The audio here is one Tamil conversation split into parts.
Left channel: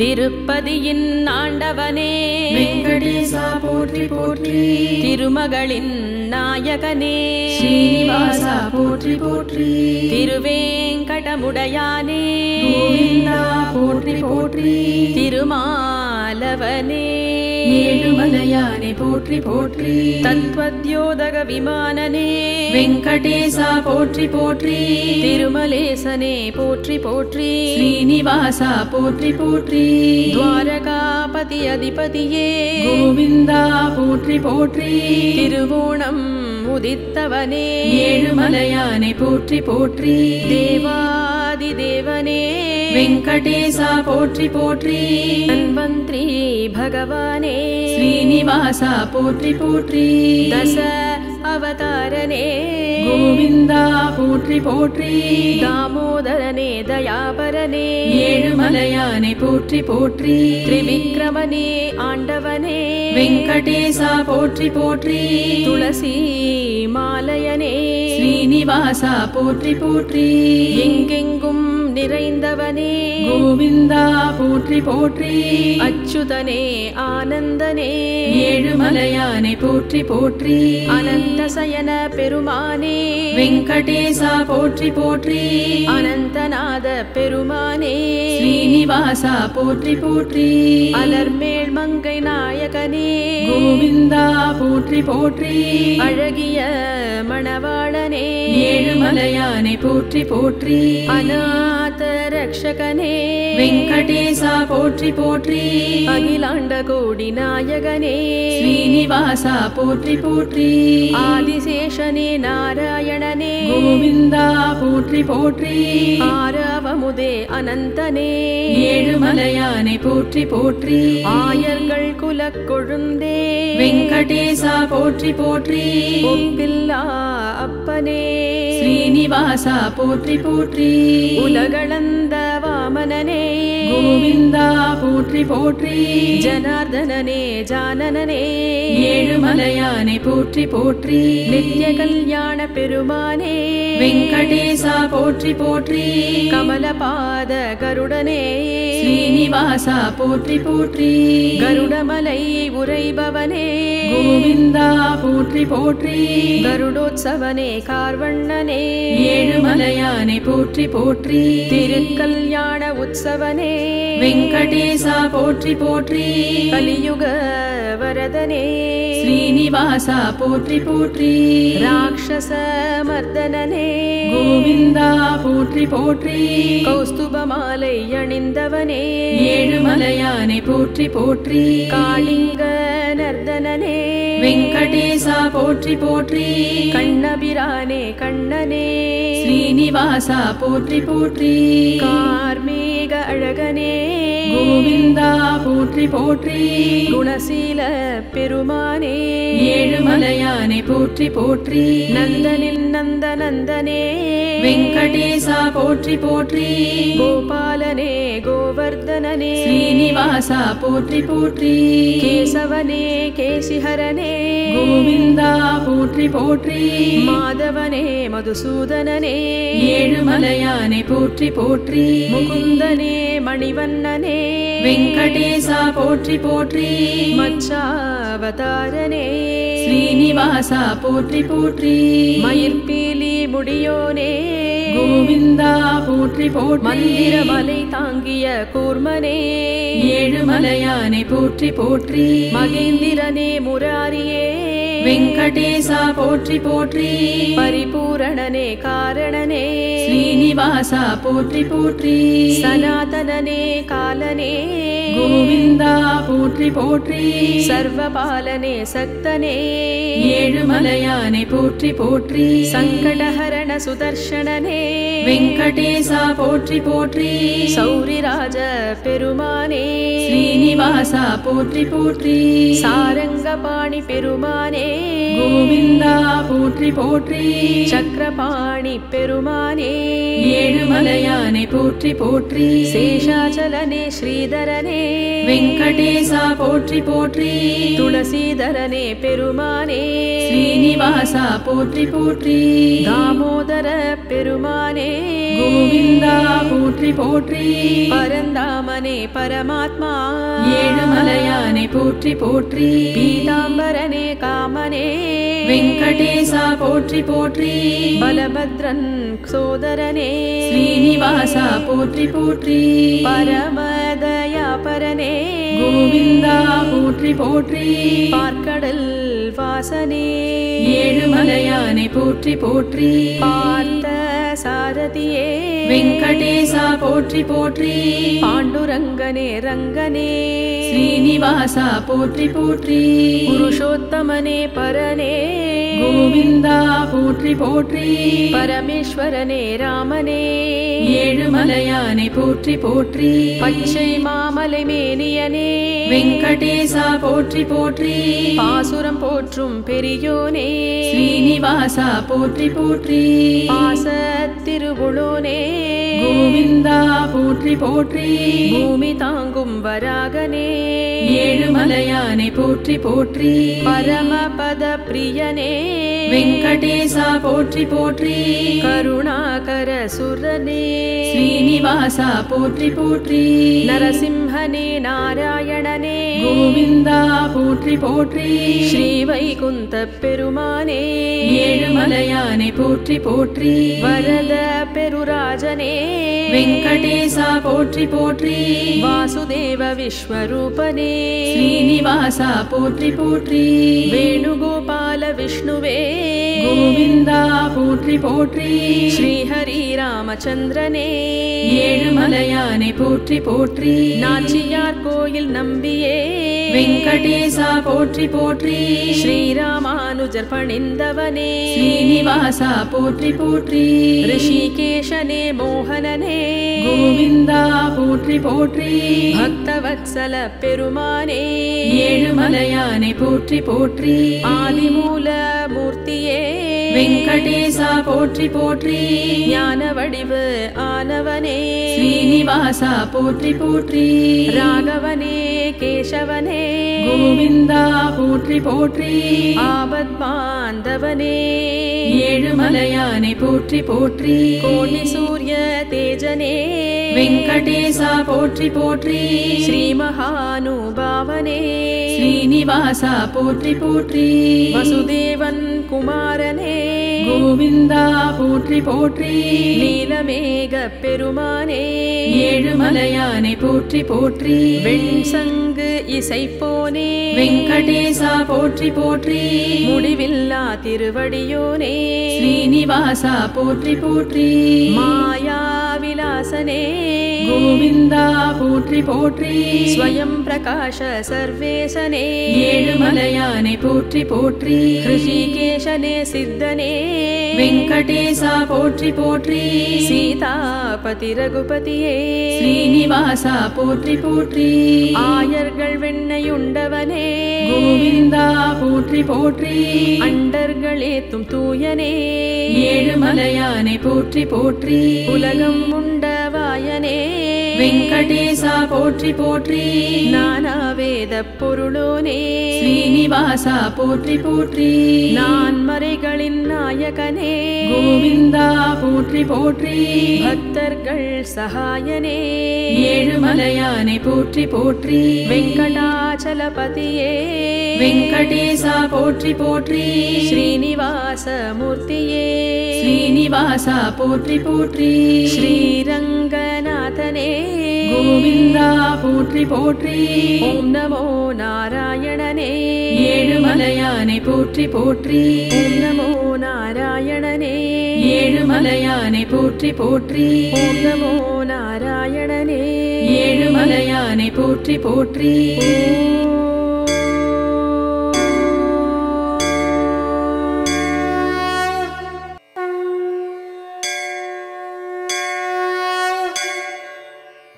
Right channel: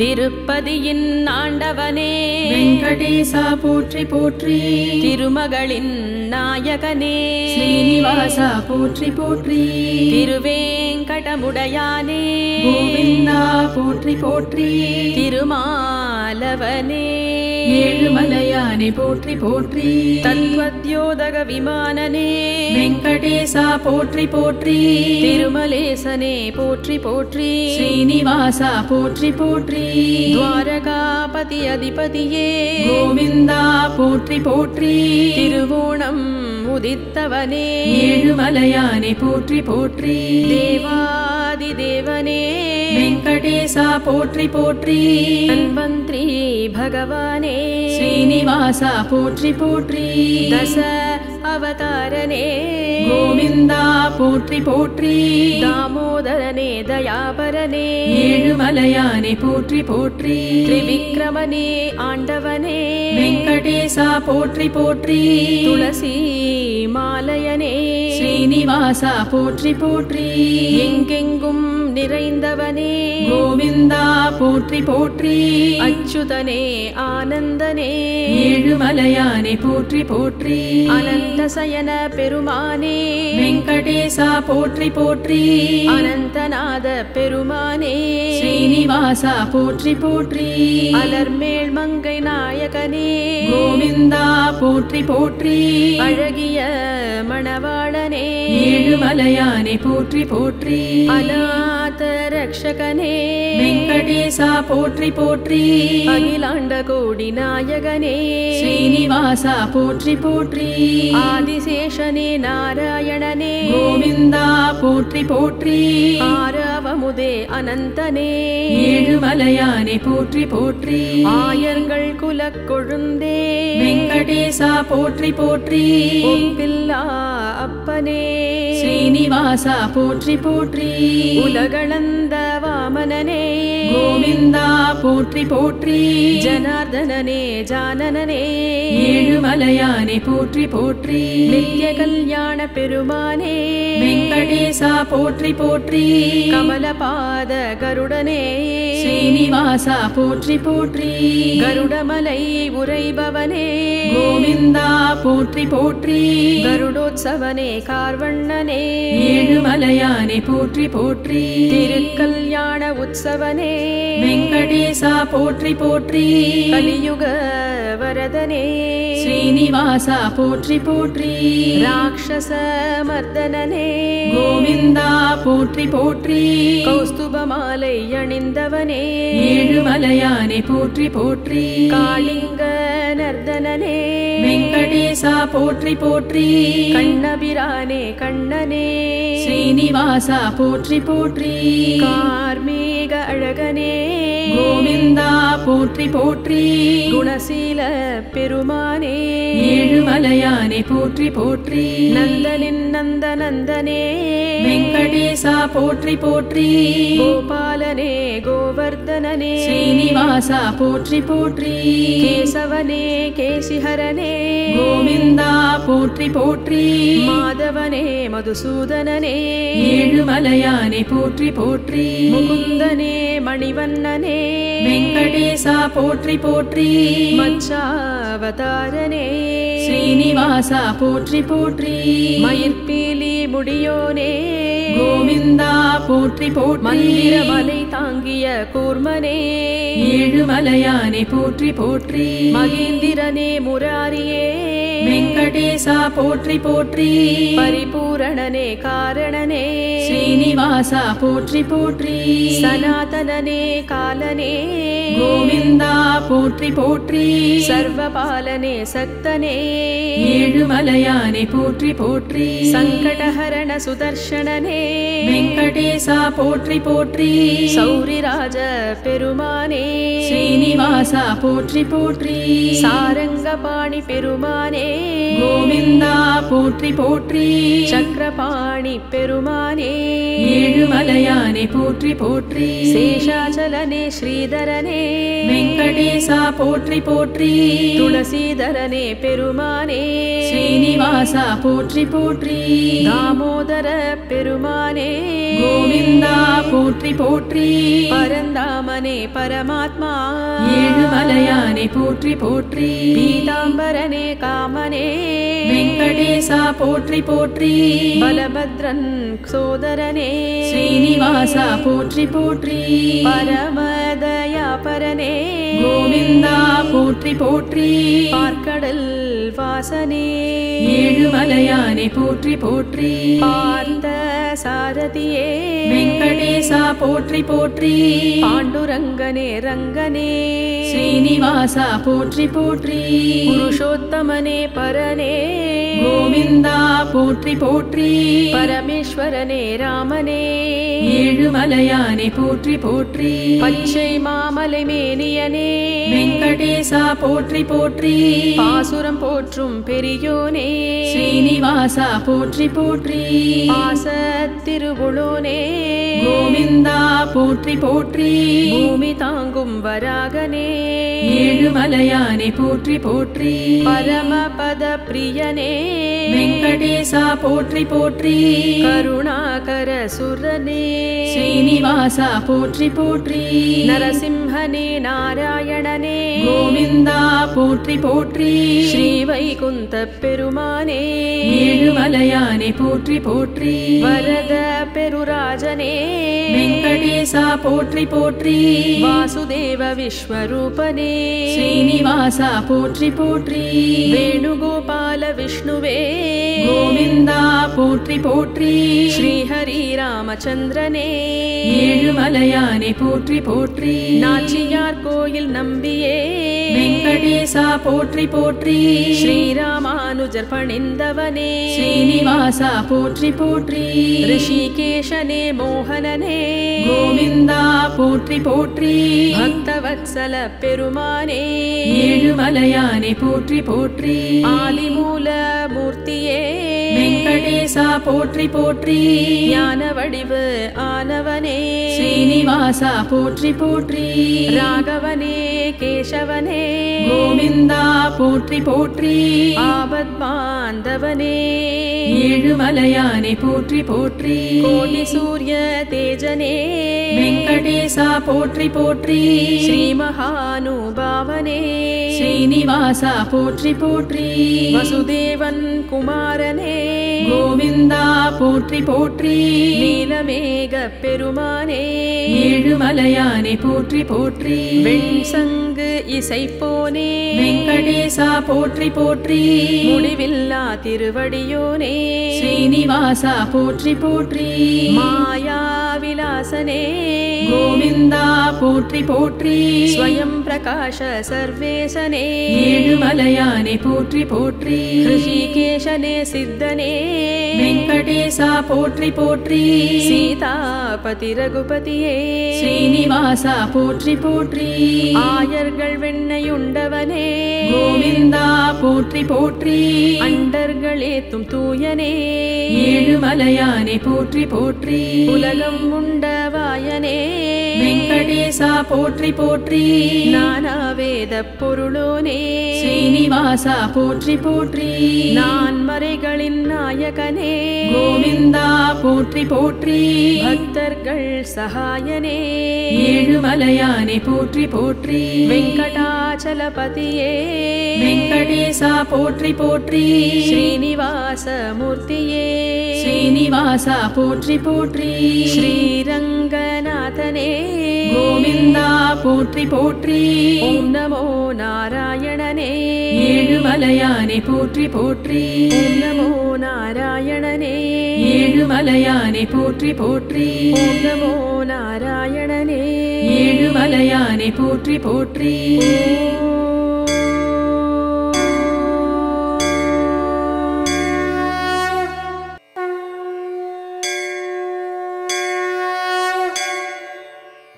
திருப்பதியின் ஆண்டவனே வெங்கடேசா போற்றி போற்றி. திருமகளின் நாயகனே ஸ்ரீனிவாசா போற்றி போற்றி. திருவேங்கடமுடையானே கோவிந்தா போற்றி போற்றி. திருமாலவனே ஏழுமலையானே போற்றி போற்றி. தத்வத்யோதக விமானனே வெங்கடேசா போற்றி போற்றி. திருமலேசனே போற்றி போற்றி. ஸ்ரீனிவாசா போற்றி போற்றி. துவாரகாபதி அதிபதியே கோவிந்தா போற்றி போற்றி. திருவோணம் உதித்தவனே ஏழுமலையானே போற்றி போற்றி. தேவாதி தேவனே வெங்கடேசா போற்றி போற்றி. தன்வந்திரி பகவானே ஸ்ரீனிவாசா போற்றி போற்றி. தச அவதாரனே கோவிந்தா போற்றி போற்றி. தாமோதரனே தயாபரனே ஏழுமலையானே போற்றி போற்றி. திரிவிக்ரமனே ஆண்டவனே வெங்கடேசா போற்றி போற்றி. துளசி மாலையனே ஸ்ரீனிவாசா போற்றி போற்றி. எங்கெங்கும் நிறைந்தவனே கோவிந்தா போற்றி போற்றி. அச்சுதனே ஆனந்தனே ஏழுமலையானே போற்றி போற்றி. அனந்தசயன பெருமானே வெங்கடேசா போற்றி போற்றி. அனந்தநாத பெருமானே ஸ்ரீனிவாசா போற்றி போற்றி. அலர்மேல் மங்கை நாயகனே கோவிந்தா போற்றி போற்றி. அழகிய மணவாளனே ஏழுமலையானே போற்றி போற்றி. அநாத ரக்ஷகனே வெங்கடேசா போற்றி போற்றி. அகிலாண்ட கோடி நாயகனே ஸ்ரீனிவாசா போற்றி போற்றி. ஆதிசேஷனே நாராயணனே கோவிந்தா போற்றி போற்றி. ஆரவமுதே அனந்தனே ஏழுமலையானே போற்றி போற்றி. ஆயர்கள் குலக் கொழுந்தே வெங்கடேசா போற்றி போற்றி. ஒப்பில்லா அப்பனே ஸ்ரீனிவாசா போற்றி போற்றி. உலகளந்த வாமனனே கோவிந்தா போற்றி போற்றி. ஜனார்தனனே ஜானனனே ஏழுமலையானே போற்றி போற்றி. நித்ய கல்யாண பெருமானே வெங்கடேசா போற்றி போற்றி. கமலபாத கருடனே ஸ்ரீனிவாசா போற்றி போற்றி. கருடமலை உரைபவனே கோவிந்தா போற்றி போற்றி. கருடோத்சவனே கார்வண்ணனே ஏழுமலையானே போற்றி போற்றி. திருக்கல்யாண உற்சவனே வெங்கடேசா போற்றி போற்றி. கலியுக வரதனே ஸ்ரீனிவாசா போற்றி போற்றி. ராட்சச மர்தனனே கோவிந்தா போற்றி போற்றி. கௌஸ்துப மாலை அணிந்தவனே ஏழுமலையானே போற்றி போற்றி. காளிங்க நர்தனனே வெங்கடேசா போற்றி போற்றி. கண்ணபிரானே கண்ணனே ஸ்ரீனிவாசா போற்றி போற்றி. கார்மேக அழகனே கோவிந்தா போற்றி போற்றி. குணசீல பெருமானே ஏழுமலையானே போற்றி போற்றி. நந்தனின் நந்தனந்தனே வெங்கடேசா போற்றி போற்றி. கோபாலனே கோவர்தனனே ஸ்ரீனிவாசா போற்றி போற்றி. கேசவனே கேசிஹரனே கோவிந்தா போற்றி போற்றி. மாதவனே மதுசூதனனே ஏழுமலையானே போற்றி போற்றி. முகுந்தனே மணிவண்ணனே வெங்கடேசா போற்றி போற்றி. மச்சாவதாரனே ஸ்ரீனிவாசா போற்றி போற்றி. மயிர்பீலி முடியோனே கோவிந்தா போற்றி போற்றி. மந்திரமலை தாங்கிய கூர்மனே ஏழுமலையானே போற்றி போற்றி. மகேந்திரனே முராரியே வெங்கடேசா போற்றி போற்றி. பரிபூரணனே காரணனே ஸ்ரீனிவாசா போற்றி போற்றி. சனாதனனே காலனே கோவிந்தா போற்றி போற்றி. சர்வபாலனே சக்தனே ஏழுமலையானே போற்றி போற்றி. சங்கடஹரண சுதர்ஷனனே வெங்கடேசா போற்றி போற்றி. சௌரிராஜ பெருமானே ஸ்ரீனிவாசா போற்றி போற்றி. சாரங்கபாணி பெருமானே கோவிந்தா போற்றி போற்றி. சக்கரபாணி பெருமானே ஏழுமலையானே போற்றி போற்றி. சேஷாச்சலனே ஸ்ரீதரனே வெங்கடேசா போற்றி போற்றி. துளசீதரனே பெருமானே ஸ்ரீனிவாசா போற்றி போற்றி. தாமோதர பெருமானே கோவிந்தா போற்றி போற்றி பரந்தாமனே பரமாத்மா ஏழுமலையானை போற்றி போற்றி பீதாம்பரனே காமனே வெங்கடேசா போற்றி போற்றி பலபத்ரன் சோதரனே ஸ்ரீனிவாசா போற்றி போற்றி பரமதயாபரனே கோவிந்தா போற்றி போற்றி பார்க்கடல் வாசனே ஏழுமலையானை போற்றி போற்றி பார்த்த சாரதியே வெங்கடேசா போற்றி போற்றி பாண்டுரங்கனே ரங்கனே ஸ்ரீனிவாசா போற்றி போற்றி புருஷோத்தமனே பரனே கோவிந்தா போற்றி போற்றி பரமேஸ்வரனே ராமனே ஏழுமலையானை போற்றி போற்றி பச்சை மாமலை மேனியனே வெங்கடேசா போற்றி போற்றி பாசுரம் போற்றும் பெரியோனே ஸ்ரீனிவாசா போற்றி போற்றி பாசத்திருவுளோனே கோவிந்தா போற்றி போற்றி பூமி தாங்கும் வராகனே ஏழுமலையானை போற்றி போற்றி பரமபத பிரியனே வெங்கடேசா போற்றி போற்றி கருணாகர சுரனே ஸ்ரீனிவாசா போற்றி போற்றி நரசிம்ஹனே நாராயணனே கோவிந்தா போற்றி போற்றி ஸ்ரீவைகுந்த பெருமானே ஏழுமலையானை போற்றி போற்றி வரத பெருராஜனே வெங்கடேசா போற்றி போற்றி வாசுதேவ விஸ்வரூபனே ஸ்ரீனிவாசா போற்றி போற்றி வேணுகோபால விஷ்ணுவே கோவிந்தா போற்றி போற்றி ஸ்ரீஹரி ராமச்சந்திரனே ஏழுமலையானை போற்றி போற்றி நாச்சியார் கோயில் நம்பியே வெங்கடேசா போற்றி போற்றி ஸ்ரீராமானுஜர் பணிந்தவனே ஸ்ரீனிவாசா போற்றி போற்றி ரிஷிகேஷனே மோகனனே கோவிந்தா போற்றி போற்றி பக்தவத்சல பெருமானே ஏழுமலையானை போற்றி போற்றி ஆதிமூல மூர்த்தியே வெங்கடேசா போற்றி போற்றி ஞான வடிவு ஆனவனே ஸ்ரீனிவாசா போற்றி போற்றி ராகவனே கேசவனே கோவிந்தா போற்றி போற்றி ஆபத் பாந்தவனே ஏழுமலையானை போற்றி போற்றி கோடி சூரிய தேஜனே வெங்கடேசா போற்றி போற்றி ஸ்ரீ மகானுபாவனே ஸ்ரீனிவாசா போற்றி போற்றி வசுதேவன் குமாரனே கோவிந்தா போற்றி போற்றி நீலமேக பெருமானே ஏழுமலையானை போற்றி போற்றி வெண்சங்கு இசைப்போனே வெங்கடேசா போற்றி போற்றி முடிவில்லா திருவடியோனே ஸ்ரீனிவாசா போற்றி போற்றி மாயா விலாசனே கோவிந்தா போற்றி போற்றி ஸ்வயம் பிரகாஷ சர்வேசனே ஏழுமலையானை போற்றி போற்றி ரிஷிகேஷனே சித்தனே வெங்கடேசா போற்றி போற்றி சீதாபதி ரகுபதியே ஸ்ரீனிவாசா போற்றி போற்றி ஆயர்கள் வெண்ணையுண்டவனே கோவிந்தா போற்றி போற்றி அண்டர்களேத்தும் தூயனே ஏழுமலையானை போற்றி போற்றி உலகம் உண்டவாயனே வெங்கடேசா போற்றி போற்றி நானாவேத பொருளோனே ஸ்ரீனிவாசா போற்றி போற்றி நான் மறைகளின் நாயகனே கோவிந்தா போற்றி போற்றி பக்தர்கள் சகாயனே ஏழுமலையானை போற்றி போற்றி வெங்கடாச்சலபதியே வெங்கடேசா போற்றி போற்றி ஸ்ரீனிவாச மூர்த்தியே ஸ்ரீனிவாசா போற்றி போற்றி ஸ்ரீரங்கநாதனே கோவிந்தா போற்றி போற்றி ஓம் நமோ நாராயணனே ஏழுமலையானை போற்றி போற்றி ஓம் நமோ நாராயணனே ஏழுமலையானை போற்றி போற்றி ஓம் நமோ நாராயணனே ஏழுமலையானை போற்றி போற்றி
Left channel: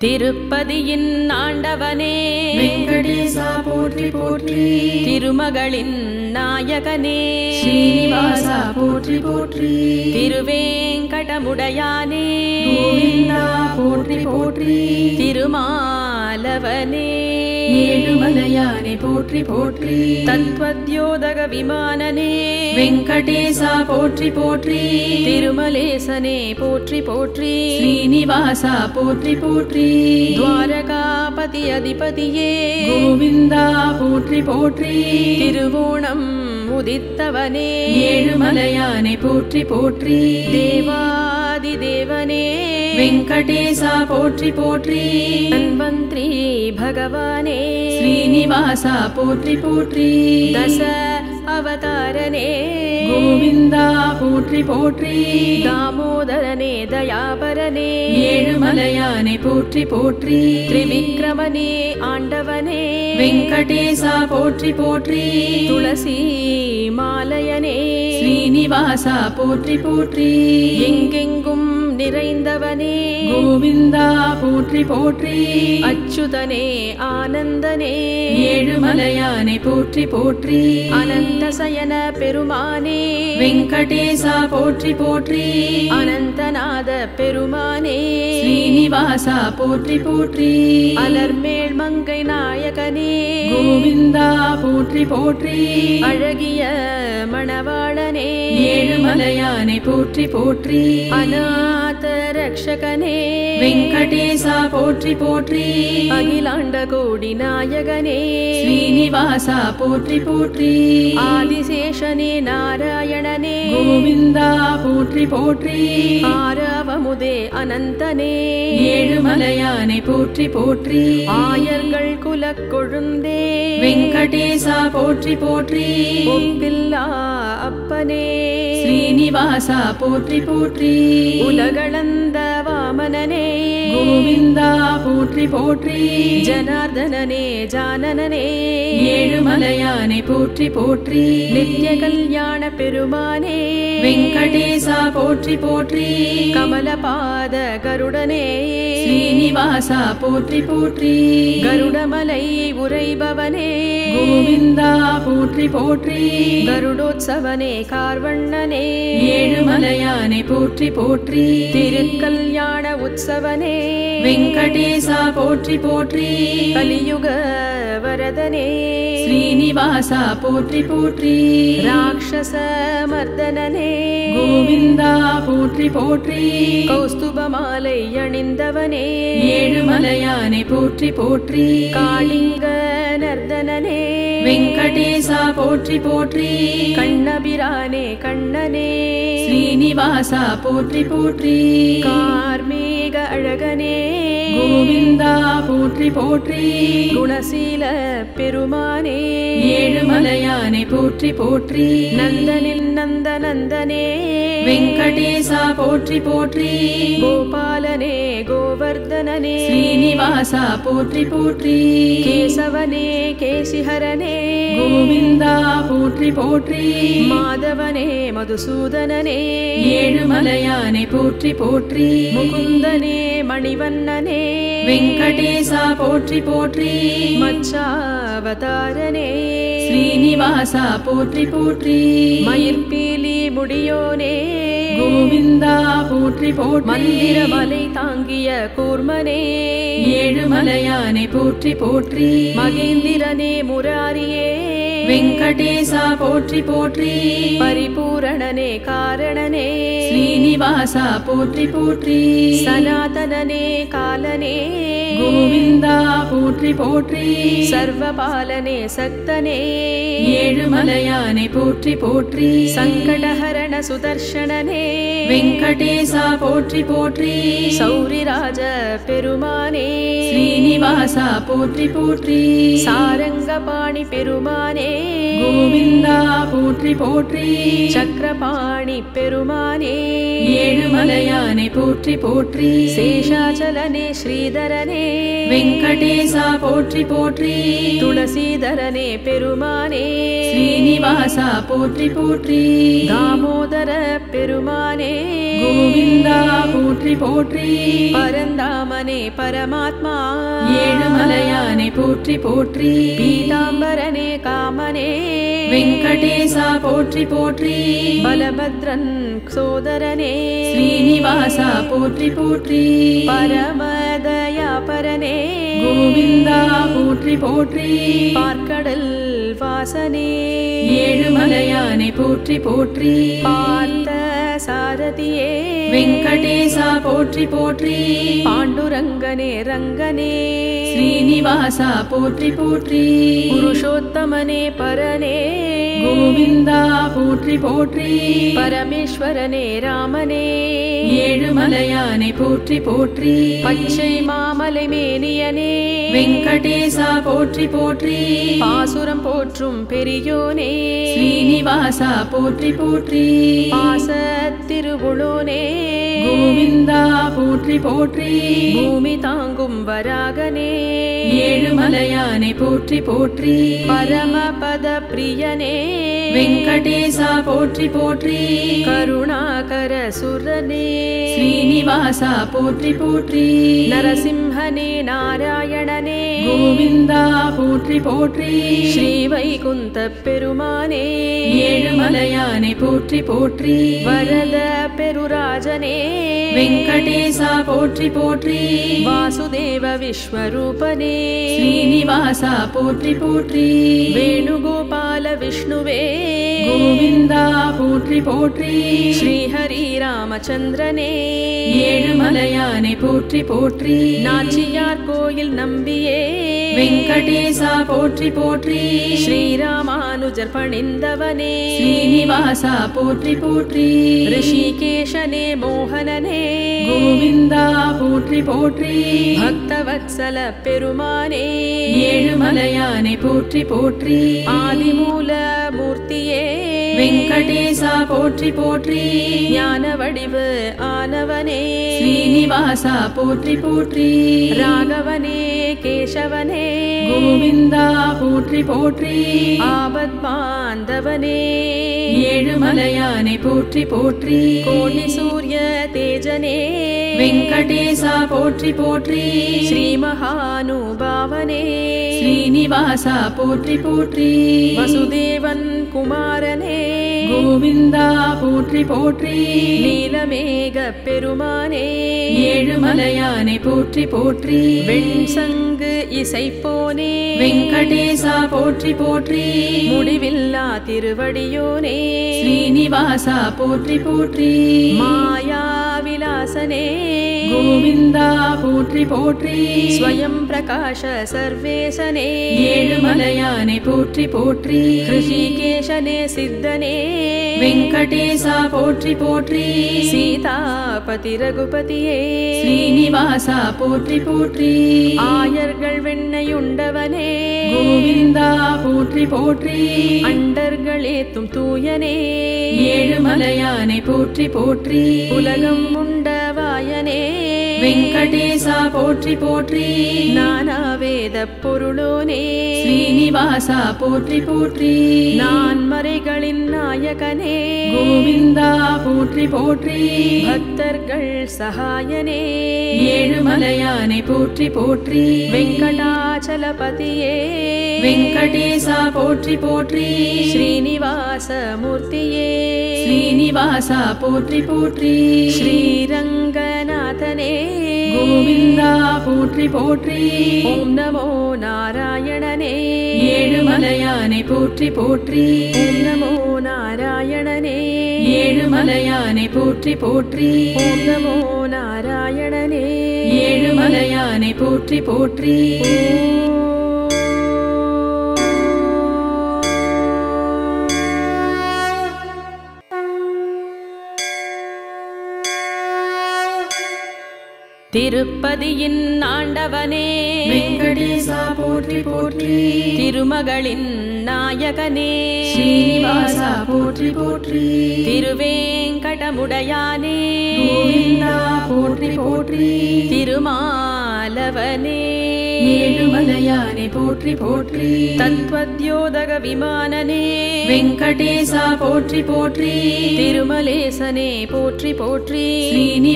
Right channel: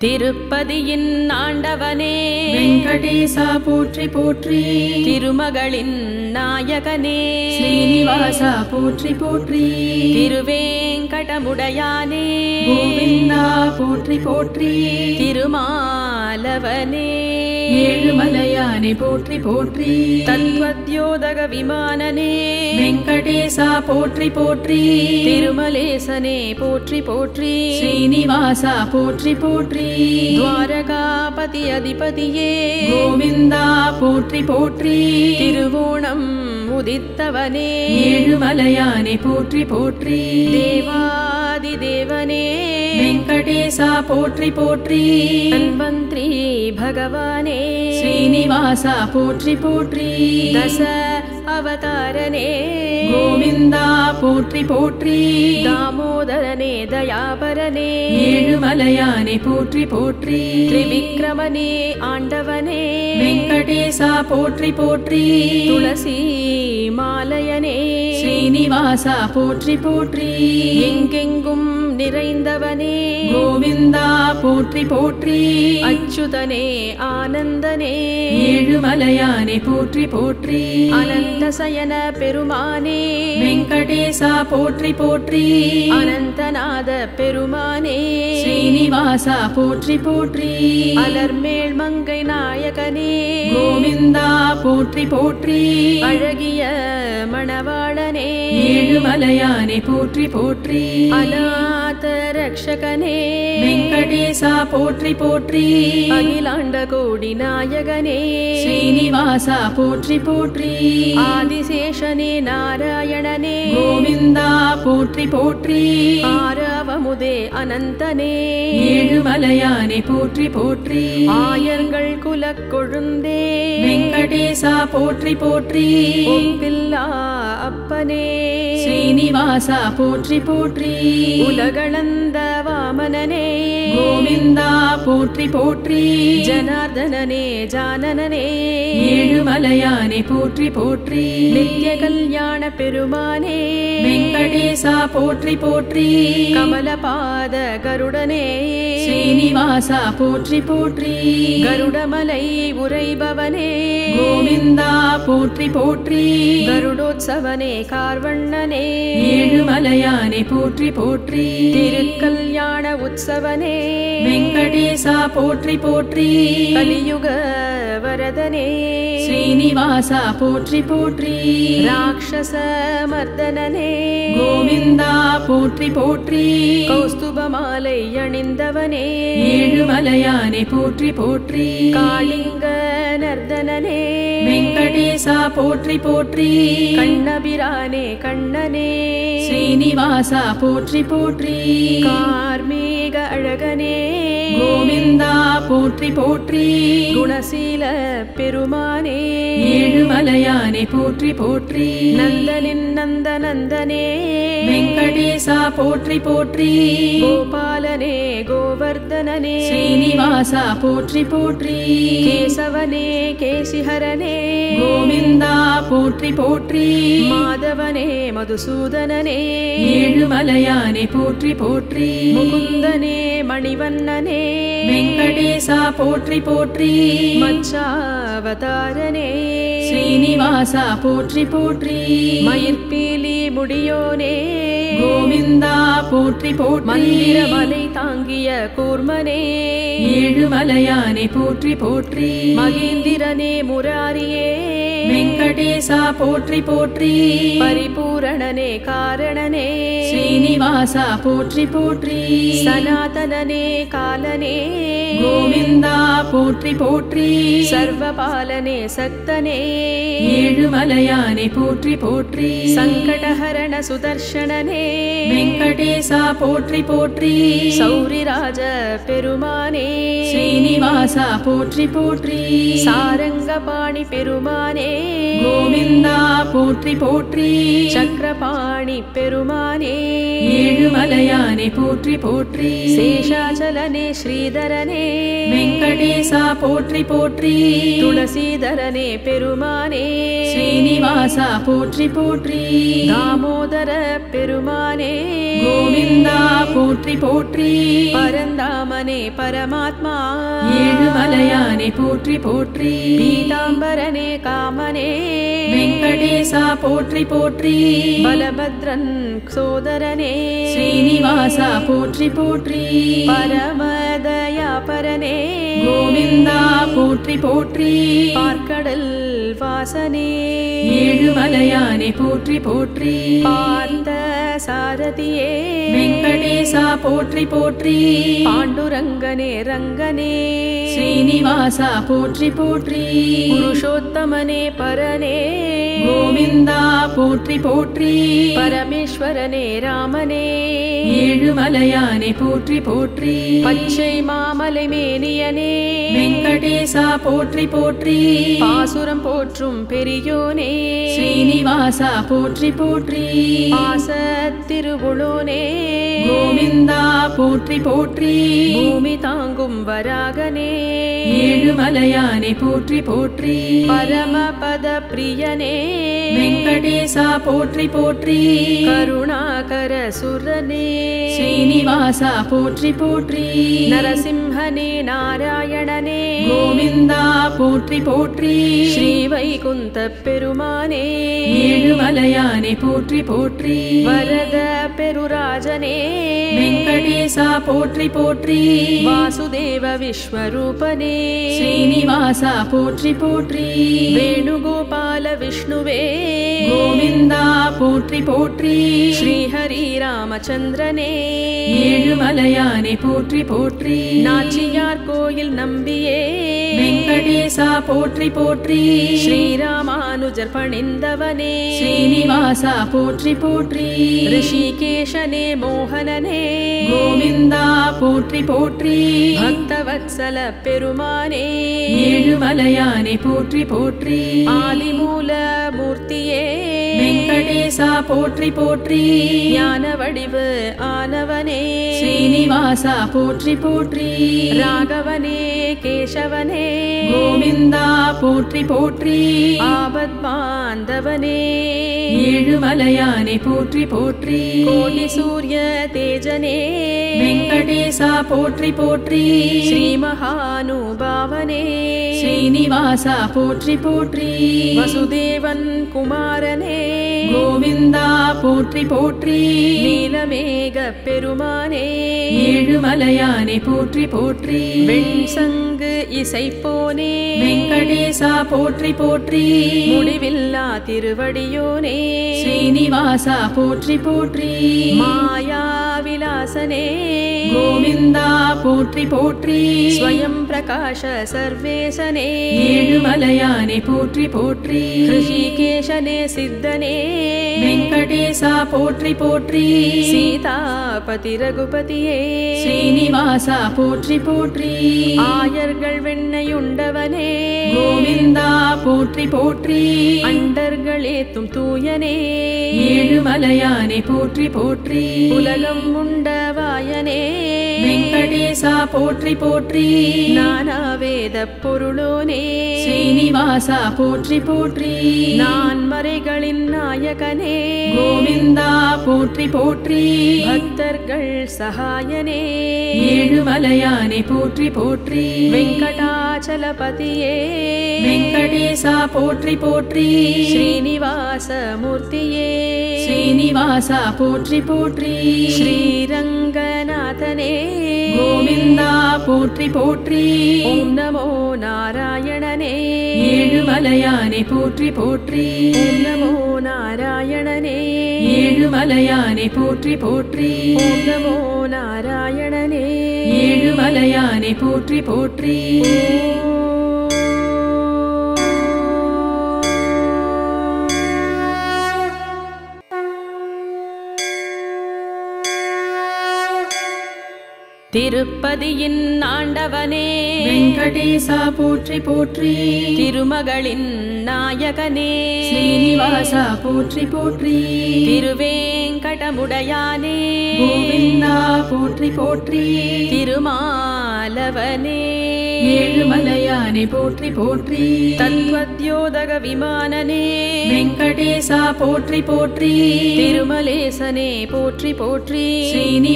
திருப்பதியின் ஆண்டவனே வெங்கடேசா போற்றி போற்றி திருமகளின் நாயகனே ஸ்ரீனிவாசா போற்றி போற்றி திருவேங்கடமுடையானே கோவிந்தா போற்றி போற்றி திருமாலவனே ஏழுமலையானே போற்றி போற்றி தத்வத்யோதக விமானனே வெங்கடேசா போற்றி போற்றி திருமலேசனே போற்றி போற்றி ஸ்ரீனிவாசா போற்றி போற்றி துவாரகாபதி அதிபதியே கோவிந்தா போற்றி போற்றி திருவோணம் உதித்தவனே ஏழுமலையானே போற்றி போற்றி தேவாதி தேவனே வெங்கடேசா போற்றி போற்றி தன்வந்திரி பகவானே ஸ்ரீனிவாசா போற்றி போற்றி தச அவதாரனே கோவிந்தா போற்றி போற்றி தாமோதரனே தயாபரனே ஏழுமலையானே போற்றி போற்றி திரிவிக்ரமனே ஆண்டவனே வெங்கடேசா போற்றி போற்றி துளசி மாலையனே ஸ்ரீனிவாசா போற்றி போற்றி எங்கெங்கும் நிறைந்தவனே கோவிந்தா போற்றி போற்றி அச்சுதனே ஆனந்தனே ஏழுமலையானே போற்றி போற்றி அனந்தசயன பெருமானே வெங்கடேசா போற்றி போற்றி அனந்தநாத பெருமானே ஸ்ரீனிவாசா போற்றி போற்றி அலர்மேல் மங்கை நாயகனே கோவிந்தா போற்றி போற்றி அழகிய மணவாளனே ஏழுமலையானே போற்றி போற்றி அநாத ரக்ஷகனே வெங்கடேசா போற்றி போற்றி அகிலாண்ட கோடி நாயகனே ஸ்ரீனிவாசா போற்றி போற்றி ஆதிசேஷனே நாராயணனே கோவிந்தா போற்றி போற்றி ஆரவமுதே அனந்தனே ஏழுமலையானே போற்றி போற்றி ஆயர்கள் குலக் கொழுந்தே வெங்கடேசா போற்றி போற்றி ஒப்பில்லா அப்பனே ஸ்ரீனிவாசா போற்றி போற்றி உலகளந்த வாமனனே கோவிந்தா போற்றி போற்றி ஜனார்தனனே ஜானனனே ஏழுமலையானே போற்றி போற்றி நித்ய கல்யாண பெருமானே வெங்கடேசா போற்றி போற்றி கமலபாத கருடனே ஸ்ரீனிவாசா போற்றி போற்றி கருடமலை உரைபவனே கோவிந்தா போற்றி போற்றி கருடோத்சவனே கார்வண்ணனே ஏழுமலையானே போற்றி போற்றி திருக்கல்யாண உற்சவனே வெங்கடேசா போற்றி போற்றி கலியுக வரதனே ஸ்ரீனிவாசா போற்றி போற்றி ராட்சச மர்தனனே கோவிந்தா போற்றி போற்றி கௌஸ்துபமாலை அணிந்தவனே ஏழுமலையானே போற்றி போற்றி காளிங்க நர்தனனே வெங்கடேசா போற்றி போற்றி கண்ணபிரானே கண்ணனே ஸ்ரீனிவாசா போற்றி போற்றி கார்மேக அழகனே கோவிந்தா போற்றி போற்றி குணசீல பெருமானே ஏழுமலையானே போற்றி போற்றி நந்தனின் நந்தனந்தனே வெங்கடேசா போற்றி போற்றி கோபாலனே கோவர்தனனே ஸ்ரீனிவாசா போற்றி போற்றி கேசவனே கேசிஹரனே கோவிந்தா போற்றி போற்றி மாதவனே மதுசூதனனே ஏழுமலையானே போற்றி போற்றி முகுந்தனே மணிவண்ணனே வெங்கடேசா போற்றி போற்றி மச்சாவதாரனே ஸ்ரீனிவாசா போற்றி போற்றி மயிர்பீலி முடியோனே கோவிந்தா போற்றி போற்றி மந்திரமலை தாங்கிய கூர்மனே ஏழுமலையானே போற்றி போற்றி மகேந்திரனே முராரியே வெங்கடேசா போற்றி போற்றி பரிபூரணனே காரணனே ஸ்ரீனிவாசா போற்றி போற்றி சனாதனனே காலனே கோவிந்தா போற்றி போற்றி சர்வபாலனே சக்தனே ஏழுமலையானே போற்றி போற்றி சங்கடஹரண சுதர்ஷனனே வெங்கடேசா போற்றி போற்றி சௌரிராஜ பெருமானே ஸ்ரீனிவாசா போற்றி போற்றி சாரங்கபாணி பெருமானே கோவிந்தா போற்றி போற்றி சக்கரபாணி பெருமானே ஏழுமலையானே போற்றி போற்றி சேஷாச்சலனே ஸ்ரீதரனே வெங்கடேசா போற்றி போற்றி துளசீதரனே பெருமானே ஸ்ரீனிவாசா போற்றி போற்றி தாமோதர பெருமானே கோவிந்தா போற்றி போற்றி போற்றி பரந்தாமனே பரமாத்மா ஏழுமலையானை போற்றி போற்றி பீதாம்பரனே காமனே வெங்கடேசா போற்றி போற்றி பலபத்ரன் சோதரனே ஸ்ரீனிவாசா போற்றி போற்றி பரமதயாபரனே கோவிந்தா போற்றி போற்றி பார்க்கடல் வாசனே ஏழுமலையானை போற்றி போற்றி பார்த்த சாரதியே வெங்கடேசா போற்றி போற்றி பாண்டுரங்கனே ரங்கனே ஸ்ரீனிவாசா போற்றி போற்றி புருஷோத்தமனே பரனே கோவிந்தா போற்றி போற்றி பரமேஸ்வரனே ராமனே ஏழுமலையானை போற்றி போற்றி பச்சை மாமலை மேனியனே வெங்கடேசா போற்றி போற்றி பாசுரம் போற்றும் பெரியோனே ஸ்ரீனிவாசா போற்றி போற்றி பாசத்திருவுளோனே கோவிந்தா போற்றி போற்றி பூமி தாங்கும் வராகனே ஏழுமலையானை போற்றி போற்றி பரமபத பிரியனே வெங்கடேசா போற்றி போற்றி கருணாகர சுரனே ஸ்ரீனிவாசா போற்றி போற்றி நரசிம்ஹனே நாராயணனே கோவிந்தா போற்றி போற்றி ஸ்ரீவைகுந்த பெருமானே ஏழுமலையானை போற்றி போற்றி வரத பெருராஜனே வெங்கடேசா போற்றி போற்றி வாசுதேவ விஸ்வரூபனே ஸ்ரீனிவாசா போற்றி போற்றி வேணுகோபால விஷ்ணுவே கோவிந்தா போற்றி போற்றி ஸ்ரீஹரி ராமச்சந்திரனே ஏழுமலையானை போற்றி போற்றி நாச்சியார் கோயில் நம்பியே வெங்கடேசா போற்றி போற்றி ஸ்ரீராமானுஜர் பணிந்தவனே ஸ்ரீனிவாசா போற்றி போற்றி ரிஷிகேஷனே மோகனனே கோவிந்தா போற்றி போற்றி பக்தவத்சல பெருமானே ஏழுமலையானை போற்றி போற்றி ஆதிமூல மூர்த்தியே வெங்கடேசா போற்றி போற்றி ஞான வடிவு ஆனவனே ஸ்ரீனிவாசா போற்றி போற்றி ராகவனே கேசவனே கோவிந்தா போற்றி போற்றி ஆபத் பாந்தவனே ஏழுமலையானை போற்றி போற்றி கோடி சூரிய தேஜனே வெங்கடேசா போற்றி போற்றி ஸ்ரீ மகானுபாவனே ஸ்ரீனிவாசா போற்றி போற்றி வசுதேவன் குமாரனே கோவிந்தா போற்றி போற்றி நீலமேக பெருமானே ஏழுமலையானை போற்றி போற்றி வெண்சங்கு இசைப்போனே வெங்கடேசா போற்றி போற்றி முடிவில்லா திருவடியோனே ஸ்ரீனிவாசா போற்றி போற்றி மாயா விலாசனே கோவிந்தா போற்றி போற்றி ஸ்வயம் பிரகாஷ சர்வேசனே ஏழுமலையானை போற்றி போற்றி ரிஷிகேஷனே சித்தனே வெங்கடேசா போற்றி போற்றி சீதாபதி ரகுபதியே ஸ்ரீனிவாசா போற்றி போற்றி ஆயர்கள் வெண்ணையுண்டவனே கோவிந்தா போற்றி போற்றி அண்டர்களேத்தும் தூயனே ஏழுமலையானை போற்றி போற்றி உலகம் உண்டவாயனே வெங்கடேசா போற்றி போற்றி நானாவேத பொருளோனே ஸ்ரீனிவாசா போற்றி போற்றி நான் மறைகளின் நாயகனே கோவிந்தா போற்றி போற்றி பக்தர்கள் சகாயனே ஏழுமலையானை போற்றி போற்றி வெங்கடாச்சலபதியே வெங்கடேசா போற்றி போற்றி ஸ்ரீனிவாச மூர்த்தியே ஸ்ரீனிவாசா போற்றி போற்றி ஸ்ரீரங்கநாதனே கோவிந்தா போற்றி போற்றி ஓம் நமோ நாராயணனே ஏழுமலையானை போற்றி போற்றி ஓம் நமோ நாராயணனே ஏழுமலையானை போற்றி போற்றி ஓம் நமோ நாராயணனே ஏழுமலையானை போற்றி போற்றி திருப்பதியின் ஆண்டவனே வெங்கடேசா போற்றி போற்றி திருமகளின் நாயகனே ஸ்ரீனிவாசா போற்றி போற்றி திருவேங்கடமுடையானே கோவிந்தா போற்றி போற்றி திருமாலவனே ஏழுமலையானை போற்றி போற்றி தத்வத்யோதக விமானனே வெங்கடேசா போற்றி போற்றி திருமலேசனே போற்றி போற்றி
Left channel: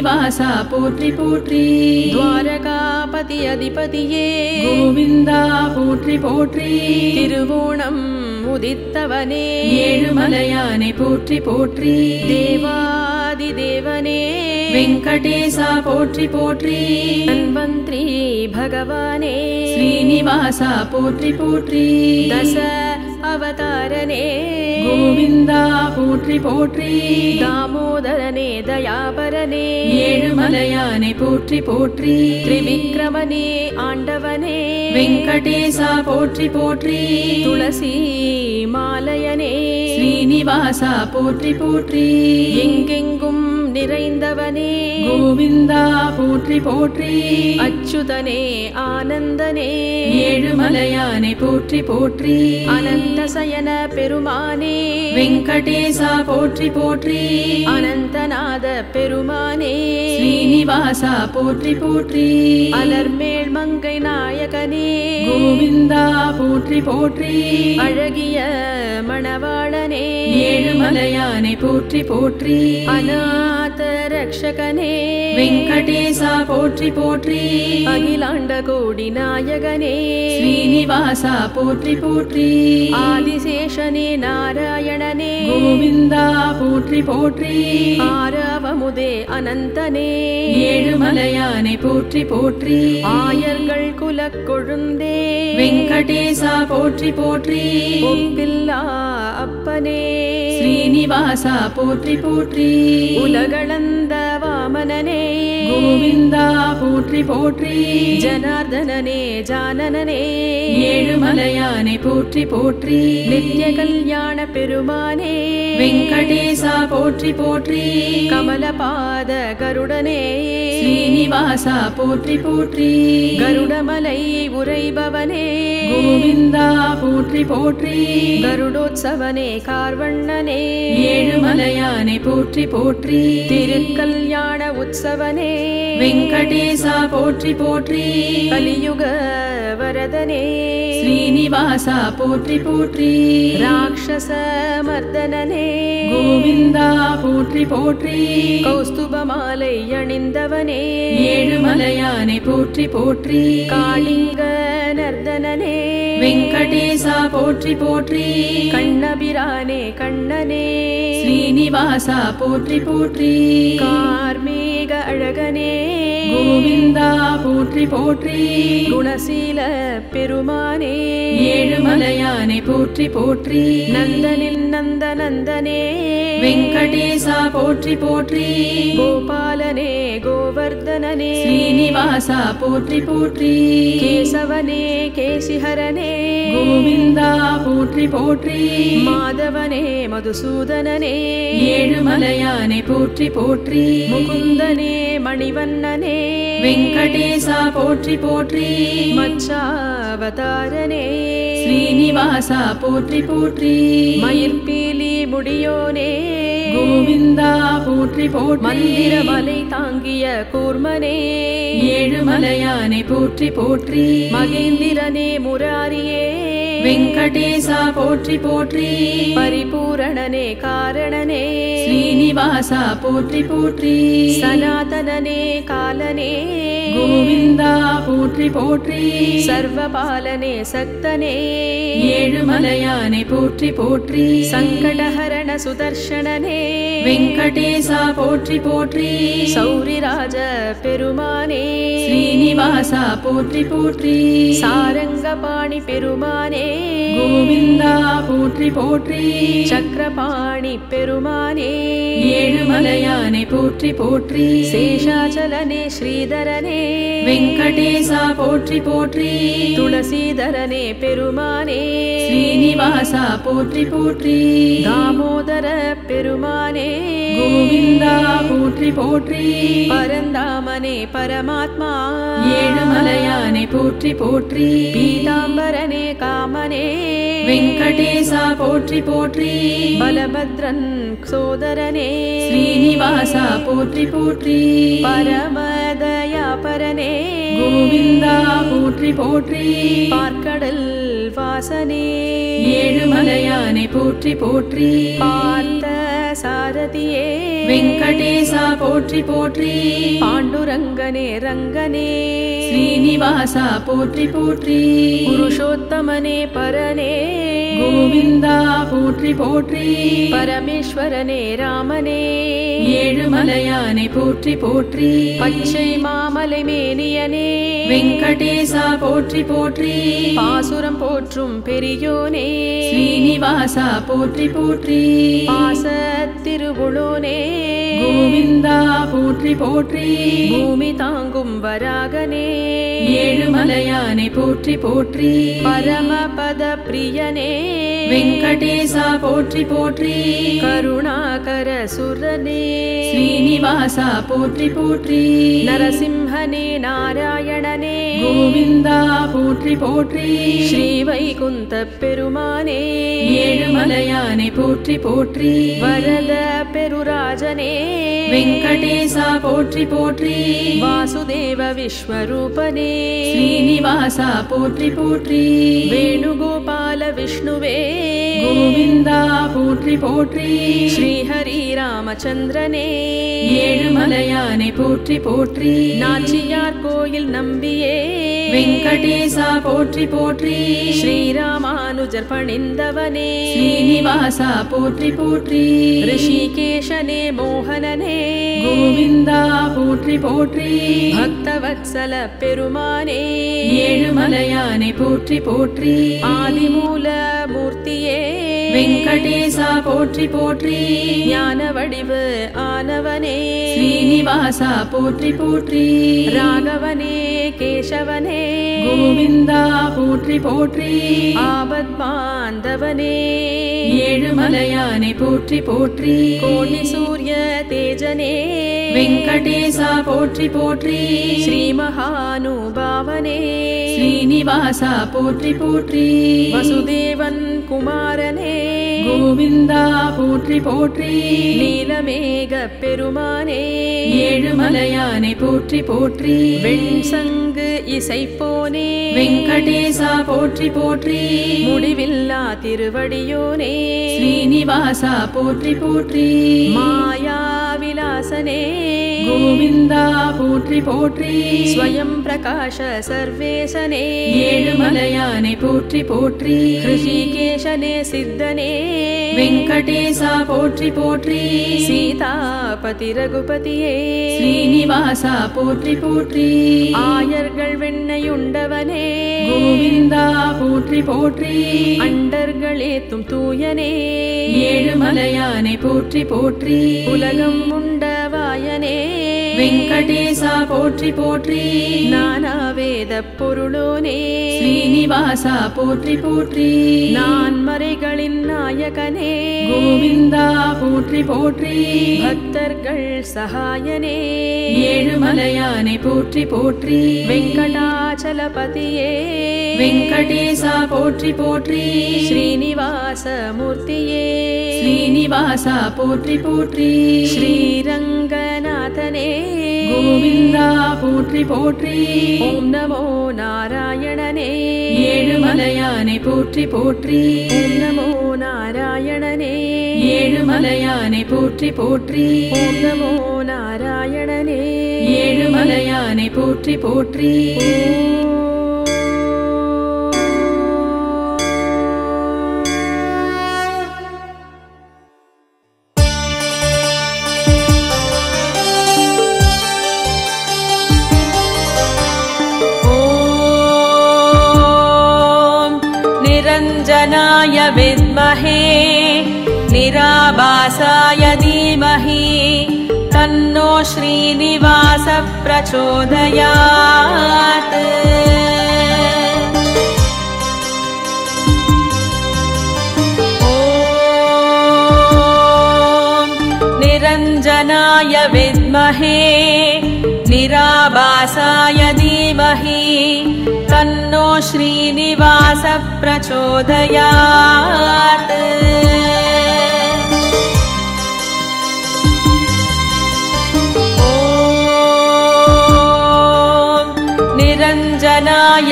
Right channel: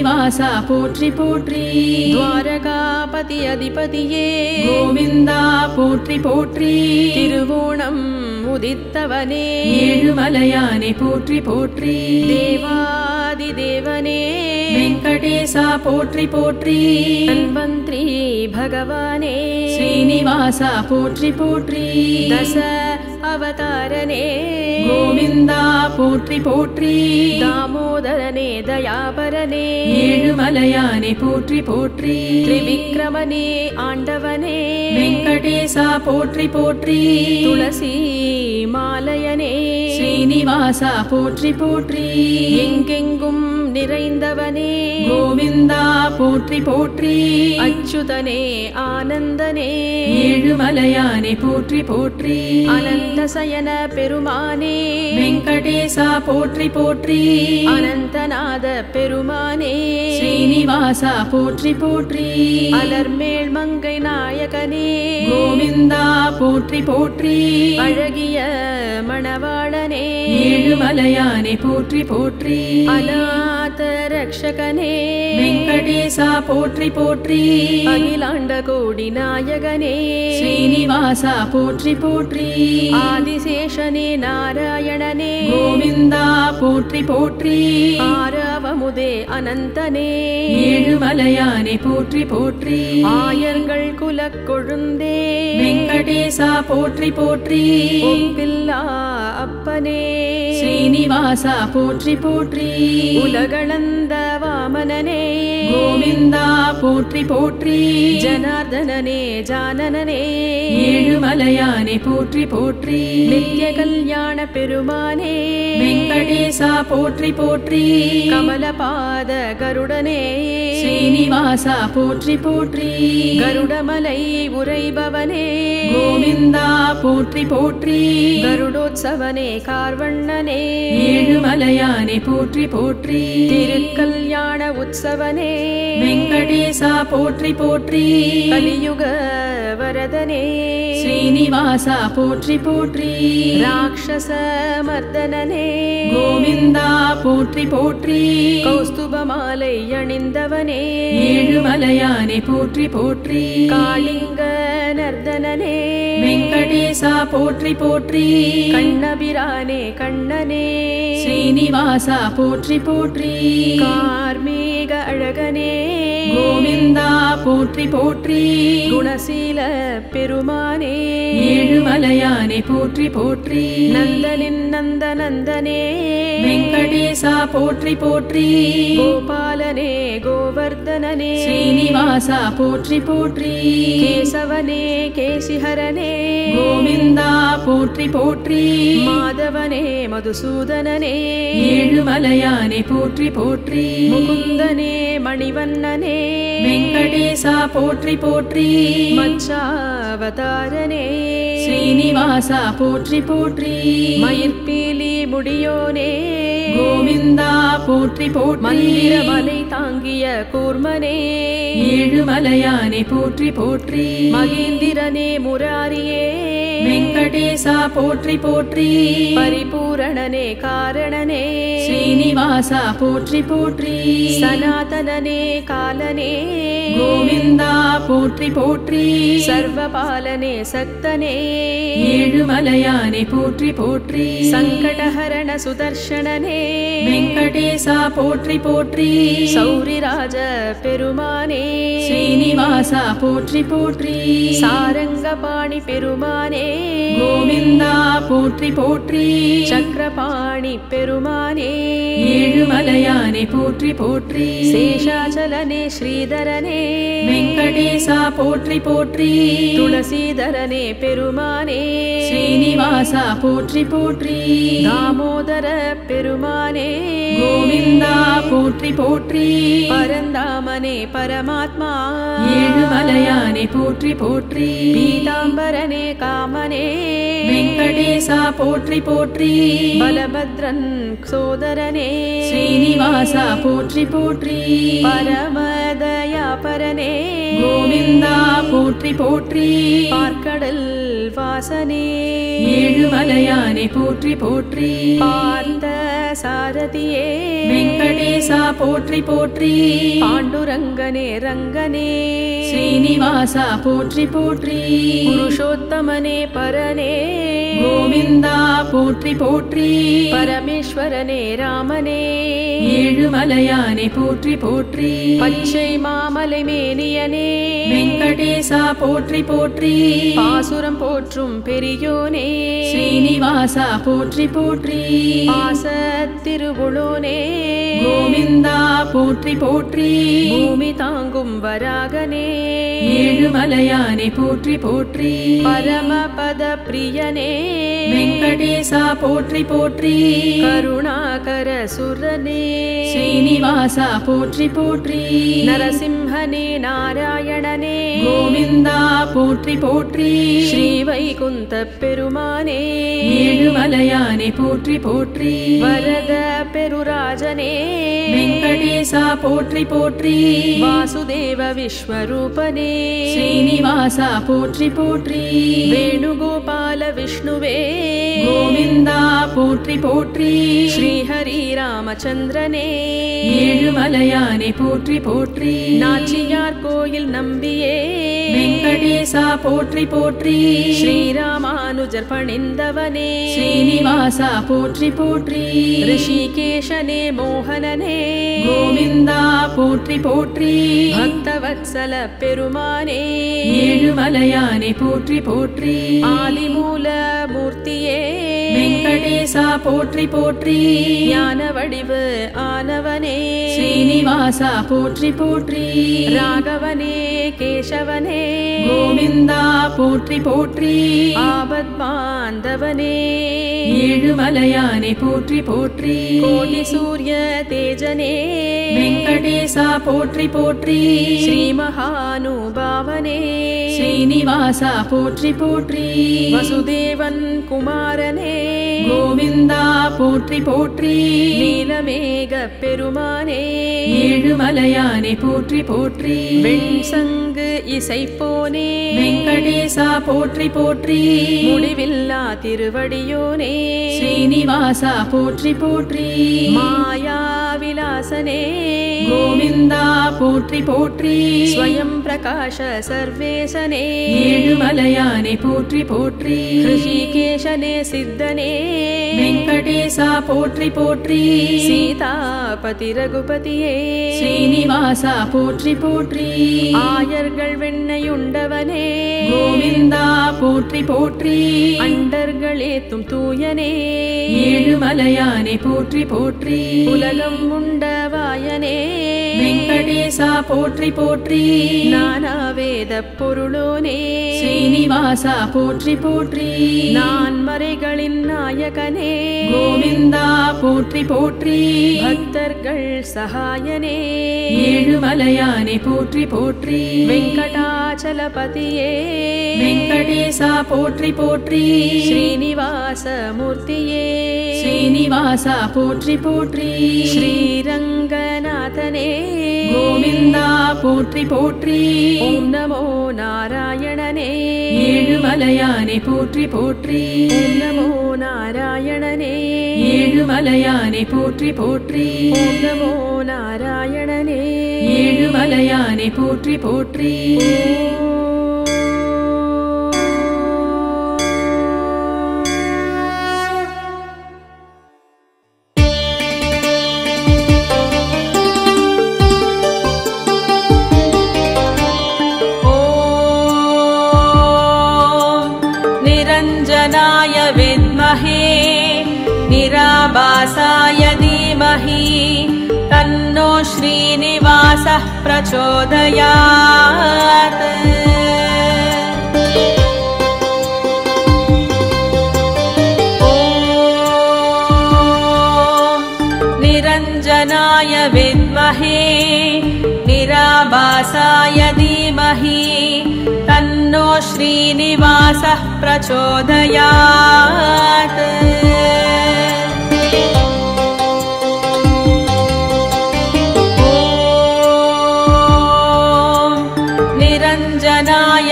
ஸ்ரீனிவாசா போற்றி போற்றி துவாரகாபதி அதிபதியே கோவிந்தா போற்றி போற்றி திருவோணம் உதித்தவனே ஏழுமலையானை போற்றி போற்றி தேவாதி தேவனே வெங்கடேசா போற்றி போற்றி தன்வந்திரி பகவானே ஸ்ரீனிவாசா போற்றி போற்றி தச அவதாரனே கோவிந்தா போற்றி போற்றி தாமோதரனே தயாபரனே ஏழுமலையானை போற்றி போற்றி திரிவிக்ரமனே ஆண்டவனே வெங்கடேசா போற்றி போற்றி துளசி மாலயனே ஸ்ரீனிவாசா போற்றி போற்றி எங்கெங்கும் நிறைந்தவனே கோவிந்தா போற்றி போற்றி அச்சுதனே ஆனந்தனே ஏழுமலையானை போற்றி போற்றி அனந்தசயன பெருமானே வெங்கடேசா போற்றி போற்றி அனந்தநாத பெருமானே ஸ்ரீனிவாசா போற்றி போற்றி அலர்மேல் மங்கை நாயகனே கோவிந்தா போற்றி போற்றி அழகிய மணவாளனே ஏழுமலையானை போற்றி போற்றி அநாத ரக்ஷகனே வெங்கடேசா போற்றி போற்றி அகிலாண்ட கோடி நாயகனே ஸ்ரீனிவாசா போற்றி போற்றி ஆதிசேஷனே நாராயணனே கோவிந்தா போற்றி போற்றி ஆரவமுதே அனந்தனே ஏழுமலையானை போற்றி போற்றி ஆயர்கள் குலக் கொழுந்தே வெங்கடேசா போற்றி போற்றி ஒப்பில்லா அப்பனே ஸ்ரீனிவாசா போற்றி போற்றி உலகளந்த வாமனனே கோவிந்தா போற்றி போற்றி ஜனார்தனனே ஜானனனே ஏழுமலையானை போற்றி போற்றி நித்ய கல்யாண பெருமானே வெங்கடேசா போற்றி போற்றி கமலபாத கருடனே ஸ்ரீனிவாசா போற்றி போற்றி கருடமலை உரைபவனே கோவிந்தா போற்றி போற்றி கருடோத்சவனே கார்வண்ணனே ஏழுமலையானை போற்றி போற்றி திருக்கல்யாண உற்சவனே வெங்கடேசா போற்றி போற்றி கலியுக வரதனே ஸ்ரீனிவாசா போற்றி போற்றி ராட்சச மர்தனனே கோவிந்தா போற்றி போற்றி கௌஸ்துபமாலை அணிந்தவனே ஏழுமலையானை போற்றி போற்றி காளிங்க நர்தனனே வெங்கடேசா போற்றி போற்றி கண்ணபிரானே கண்ணனே ஸ்ரீனிவாசா போற்றி போற்றி கார்மேக அழகனே கோவிந்தா போற்றி போற்றி குணசீல பெருமானே ஏழுமலையானை போற்றி போற்றி நந்தனின் நந்தனந்தனே வெங்கடேசா போற்றி போற்றி கோபாலனே கோவர்தனனே ஸ்ரீனிவாசா போற்றி போற்றி கேசவனே கேசிஹரனே கோவிந்தா போற்றி போற்றி மாதவனே மதுசூதனனே ஏழுமலையானை போற்றி போற்றி முகுந்தனே மணிவண்ணனே வெங்கடேசா போற்றி போற்றி மச்சாவதாரனே ஸ்ரீனிவாசா போற்றி போற்றி மயிர்பீலி முடியோனே கோவிந்தா போற்றி போற்றி மந்திரமலை தாங்கிய கூர்மனே ஏழுமலையானை போற்றி போற்றி மகேந்திரனே முராரியே வெங்கடேசா போற்றி போற்றி பரிபூரணனே காரணனே ஸ்ரீனிவாசா போற்றி போற்றி சனாதனனே காலனே கோவிந்தா போற்றி போற்றி சர்வபாலனே சக்தனே ஏழுமலையானை போற்றி போற்றி சங்கடஹரண சுதர்ஷனனே வெங்கடேசா போற்றி போற்றி சௌரிராஜ பெருமானே ஸ்ரீனிவாசா போற்றி போற்றி சாரங்கபாணி பெருமானே கோவிந்தா போற்றி போற்றி சக்கரபாணி பெருமானே ஏழுமலையானை போற்றி போற்றி சேஷாச்சலனே ஸ்ரீதரனே வெங்கடேசா போற்றி போற்றி துளசீதரனே பெருமானே ஸ்ரீனிவாசா போற்றி போற்றி தாமோதர பெருமானே கோவிந்தா போற்றி போற்றி பரந்தாமனே பரமாத்மா ஏழுமலையானை போற்றி போற்றி பீதாம்பரனே காமனே வெங்கடேசா போற்றி போற்றி பலபத்ரன் சோதரனே ஸ்ரீனிவாசா போற்றி போற்றி பரமதயாபரனே கோவிந்தா போற்றி போற்றி போற்றி பார்க்கடல் வாசனே ஏழுமலையானை போற்றி போற்றி பார்த்த சாரதியே வெங்கடேசா போற்றி போற்றி பாண்டுரங்கனே ரங்கனே ஸ்ரீனிவாசா போற்றி போற்றி புருஷோத்தமனே பரனே கோவிந்தா போற்றி போற்றி பரமேஸ்வரனே ராமனே ஏழுமலையானை போற்றி போற்றி பச்சை மாமலை மேனியனே வெங்கடேசா போற்றி போற்றி பாசுரம் போற்றும் பெரியோனே ஸ்ரீனிவாசா போற்றி போற்றி பாச திருவுளோனே கோவிந்தா போற்றி போற்றி பூமி தாங்கும் வராகனே ஏழுமலையானை போற்றி போற்றி பரமபத பிரியனே வெங்கடேசா போற்றி போற்றி கருணாகர சுரனே ஸ்ரீனிவாசா போற்றி போற்றி நரசிம்ஹனே நாராயணனே கோவிந்தா போற்றி போற்றி ஸ்ரீ வைகுந்த பெருமானே ஏழுமலையானை போற்றி போற்றி வரத பெருராஜனே வெங்கடேசா போற்றி போற்றி வாசுதேவ விஸ்வரூபனே ஸ்ரீனிவாசா போற்றி போற்றி வேணுகோபால விஷ்ணுவே கோவிந்தா போற்றி போற்றி ஸ்ரீஹரி ராமச்சந்திரனே ஏழுமலையானை போற்றி போற்றி நாச்சியார் கோயில் நம்பியே வெங்கடேசா போற்றி போற்றி ஸ்ரீராமானுஜர் பணிந்தவனே ஸ்ரீனிவாசா போற்றி போற்றி ரிஷிகேஷனே மோகனனே கோவிந்தா போற்றி போற்றி பக்தவத்சல பெருமானே ஏழுமலையானை போற்றி போற்றி ஆதிமூல மூர்த்தியே வெங்கடேசா போற்றி போற்றி ஞான வடிவு ஆனவனே ஸ்ரீனிவாசா போற்றி போற்றி ராகவனே கேசவனே கோவிந்தா போற்றி போற்றி ஆபத் பாந்தவனே ஏழுமலையானை போற்றி போற்றி கோடி சூரிய தேஜனே வெங்கடேசா போற்றி போற்றி ஸ்ரீ மகானுபாவனே ஸ்ரீனிவாசா போற்றி போற்றி வசுதேவன் குமாரனே கோவிந்தா போற்றி போற்றி நீலமேக பெருமானே ஏழுமலையானை போற்றி போற்றி வெண்சங்கு இசைப்போனே வெங்கடேசா போற்றி போற்றி முடிவில்லா திருவடியோனே ஸ்ரீனிவாசா போற்றி போற்றி மாயா விலாசனே கோவிந்தா போற்றி போற்றி ஸ்வயம் பிரகாஷ சர்வேசனே ஏழுமலையானை போற்றி போற்றி ரிஷிகேஷனே சித்தனே வெங்கடேசா போற்றி போற்றி சீதாபதி ரகுபதியே ஸ்ரீனிவாசா போற்றி போற்றி ஆயர்கள் வெண்ணையுண்டவனே கோவிந்தா போற்றி போற்றி அண்டர்களேத்தும் தூயனே ஏழுமலையானை போற்றி போற்றி உலகம் உண்டவாயனே வெங்கடேசா போற்றி போற்றி நானாவேத பொருளோனே ஸ்ரீனிவாசா போற்றி போற்றி நான் மறைகளின் நாயகனே கோவிந்தா போற்றி போற்றி பக்தர்கள் சகாயனே ஏழுமலையானை போற்றி போற்றி வெங்கடாச்சலபதியே வெங்கடேசா போற்றி போற்றி ஸ்ரீனிவாச மூர்த்தியே ஸ்ரீனிவாசா போற்றி போற்றி ஸ்ரீரங்கநாதனே கோவிந்தா போற்றி போற்றி ஓம் நமோ நாராயணனே ஏழுமலையானை போற்றி போற்றி ஓம் நமோ நாராயணனே ஏழுமலையானை போற்றி போற்றி ஓம் நமோ நாராயணனே ஏழுமலையானை போற்றி போற்றி निरञ्जनाय विद्महे निराभासाय धीमहि तन्नो श्रीनिवासः प्रचोदयात् ॐ निरञ्जनाय विद्महे निराभासाय धीमहि तन्नो श्रीनिवासः प्रचोदयात् ॐ निरञ्जनाय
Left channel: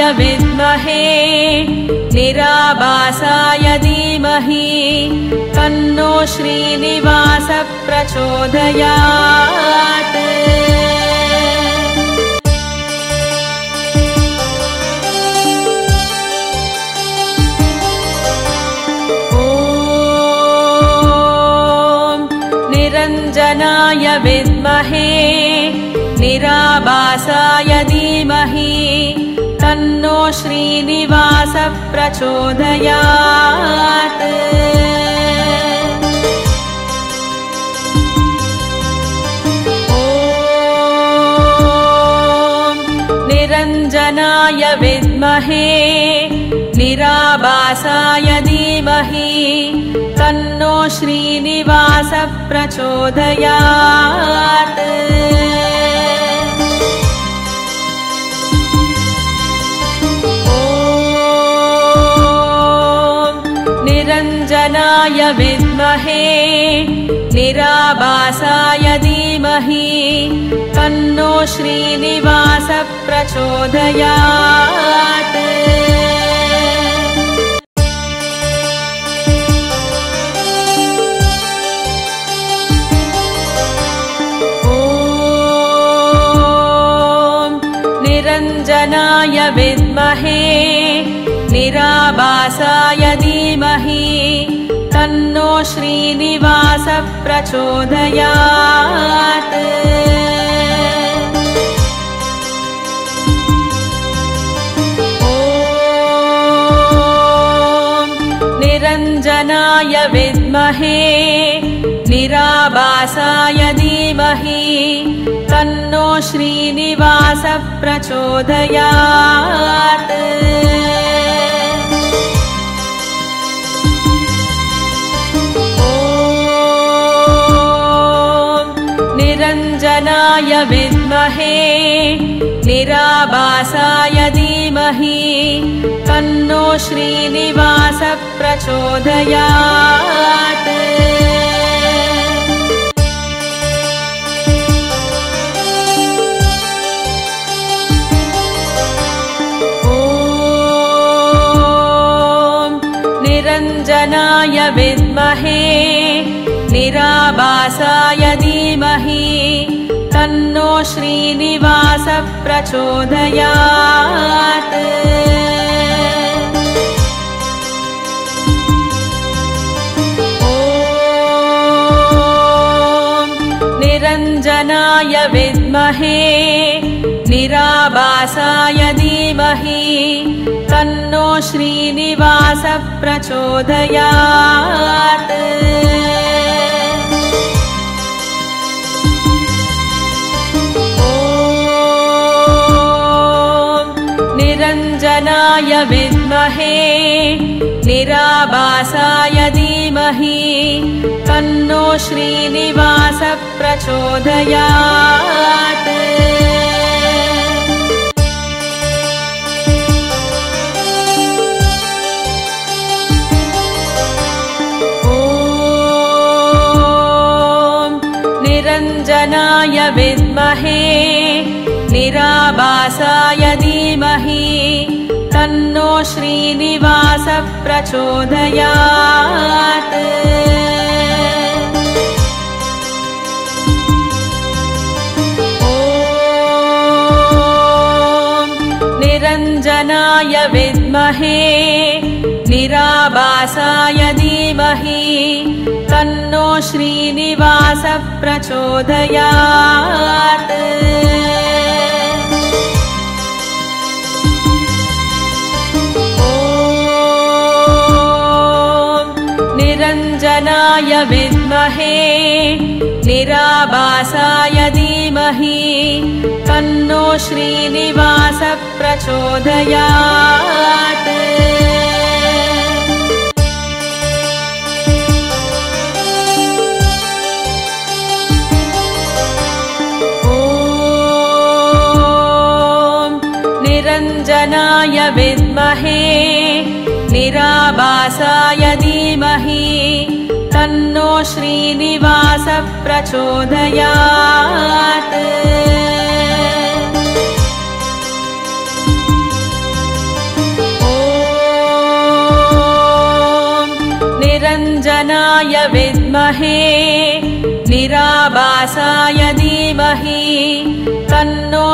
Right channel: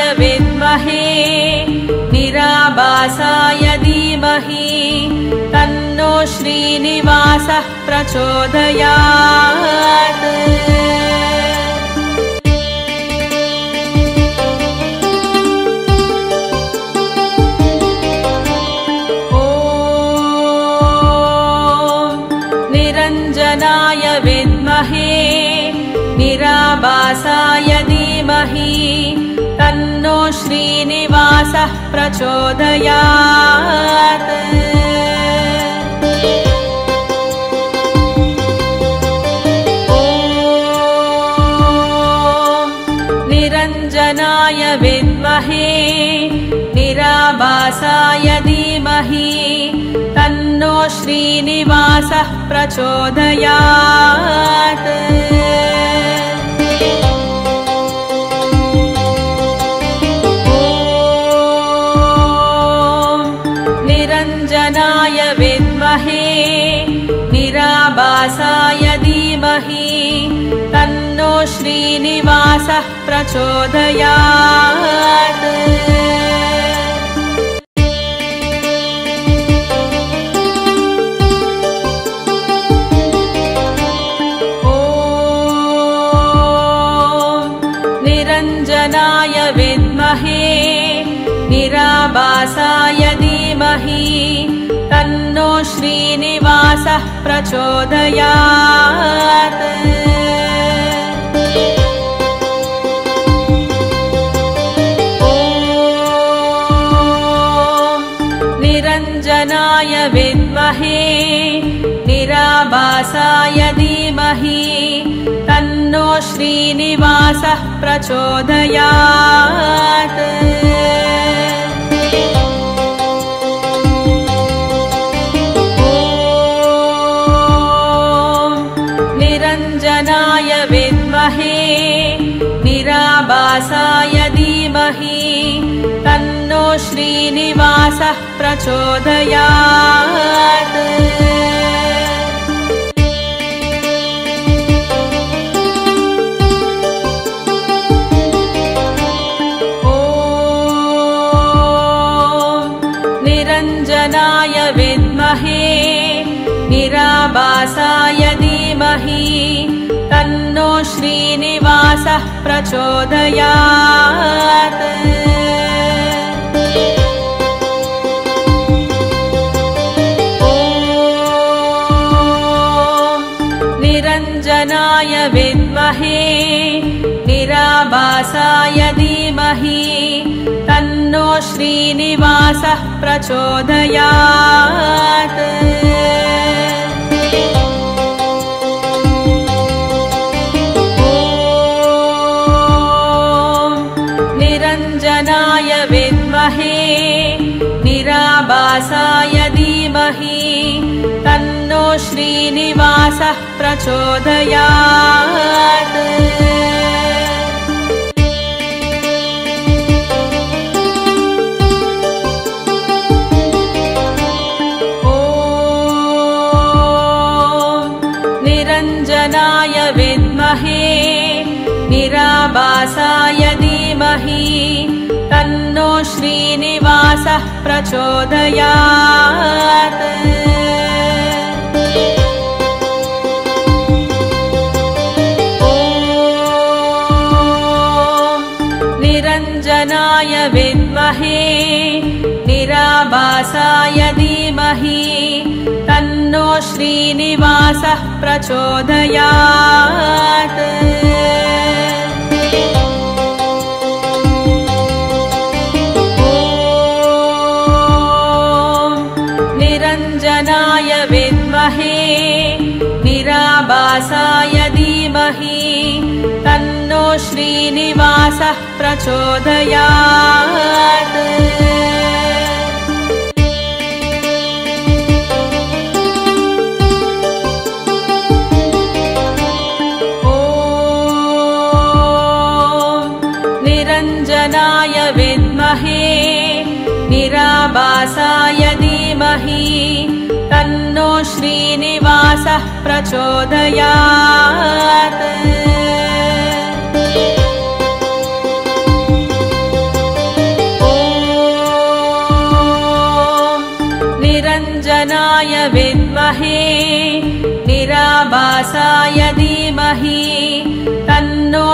विद्महे निराभासाय धीमहि तन्नो श्रीनिवासः प्रचोदयात्। विद्महे निराभासाय धीमहि तन्नो श्रीनिवासः प्रचोदयात्। निरञ्जनाय विद्महे निराभासाय धीमहि तन्नो श्रीनिवासः प्रचोदयात्। निरञ्जनाय विद्महे निराभासाय धीमहि तन्नो श्रीनिवासः प्रचोदयात्। विद्महे निराभासाय धीमहि तन्नो श्रीनिवासः प्रचोदयात्। निरञ्जनाय विद्महे निराभासाय धीमहि तन्नो श्रीनिवासः प्रचोदयात्। निरञ्जनाय विद्महे निराभासाय धीमहि तन्नो श्रीनिवासः प्रचोदयात्। विद्महे निराभासाय धीमहि तन्नो श्रीनिवासः प्रचोदयात्। निरञ्जनाय विद्महे निराभासाय धीमहि तन्नो श्रीनिवासः प्रचोदयात्। निरञ्जनाय विद्महे निराभासाय धीमहि तन्नो श्रीनिवासः प्रचोदयात्। विद्महे निराभासाय धीमहि तन्नो श्रीनिवासः प्रचोदयात्। निरञ्जनाय विद्महे निराभासाय धीमहि तन्नो श्रीनिवासः प्रचोदयात्। निरञ्जनाय विद्महे निराभासाय धीमहि तन्नो श्रीनिवासः प्रचोदयात्। विद्महे निराभासाय धीमहि तन्नो श्रीनिवासः प्रचोदयात्।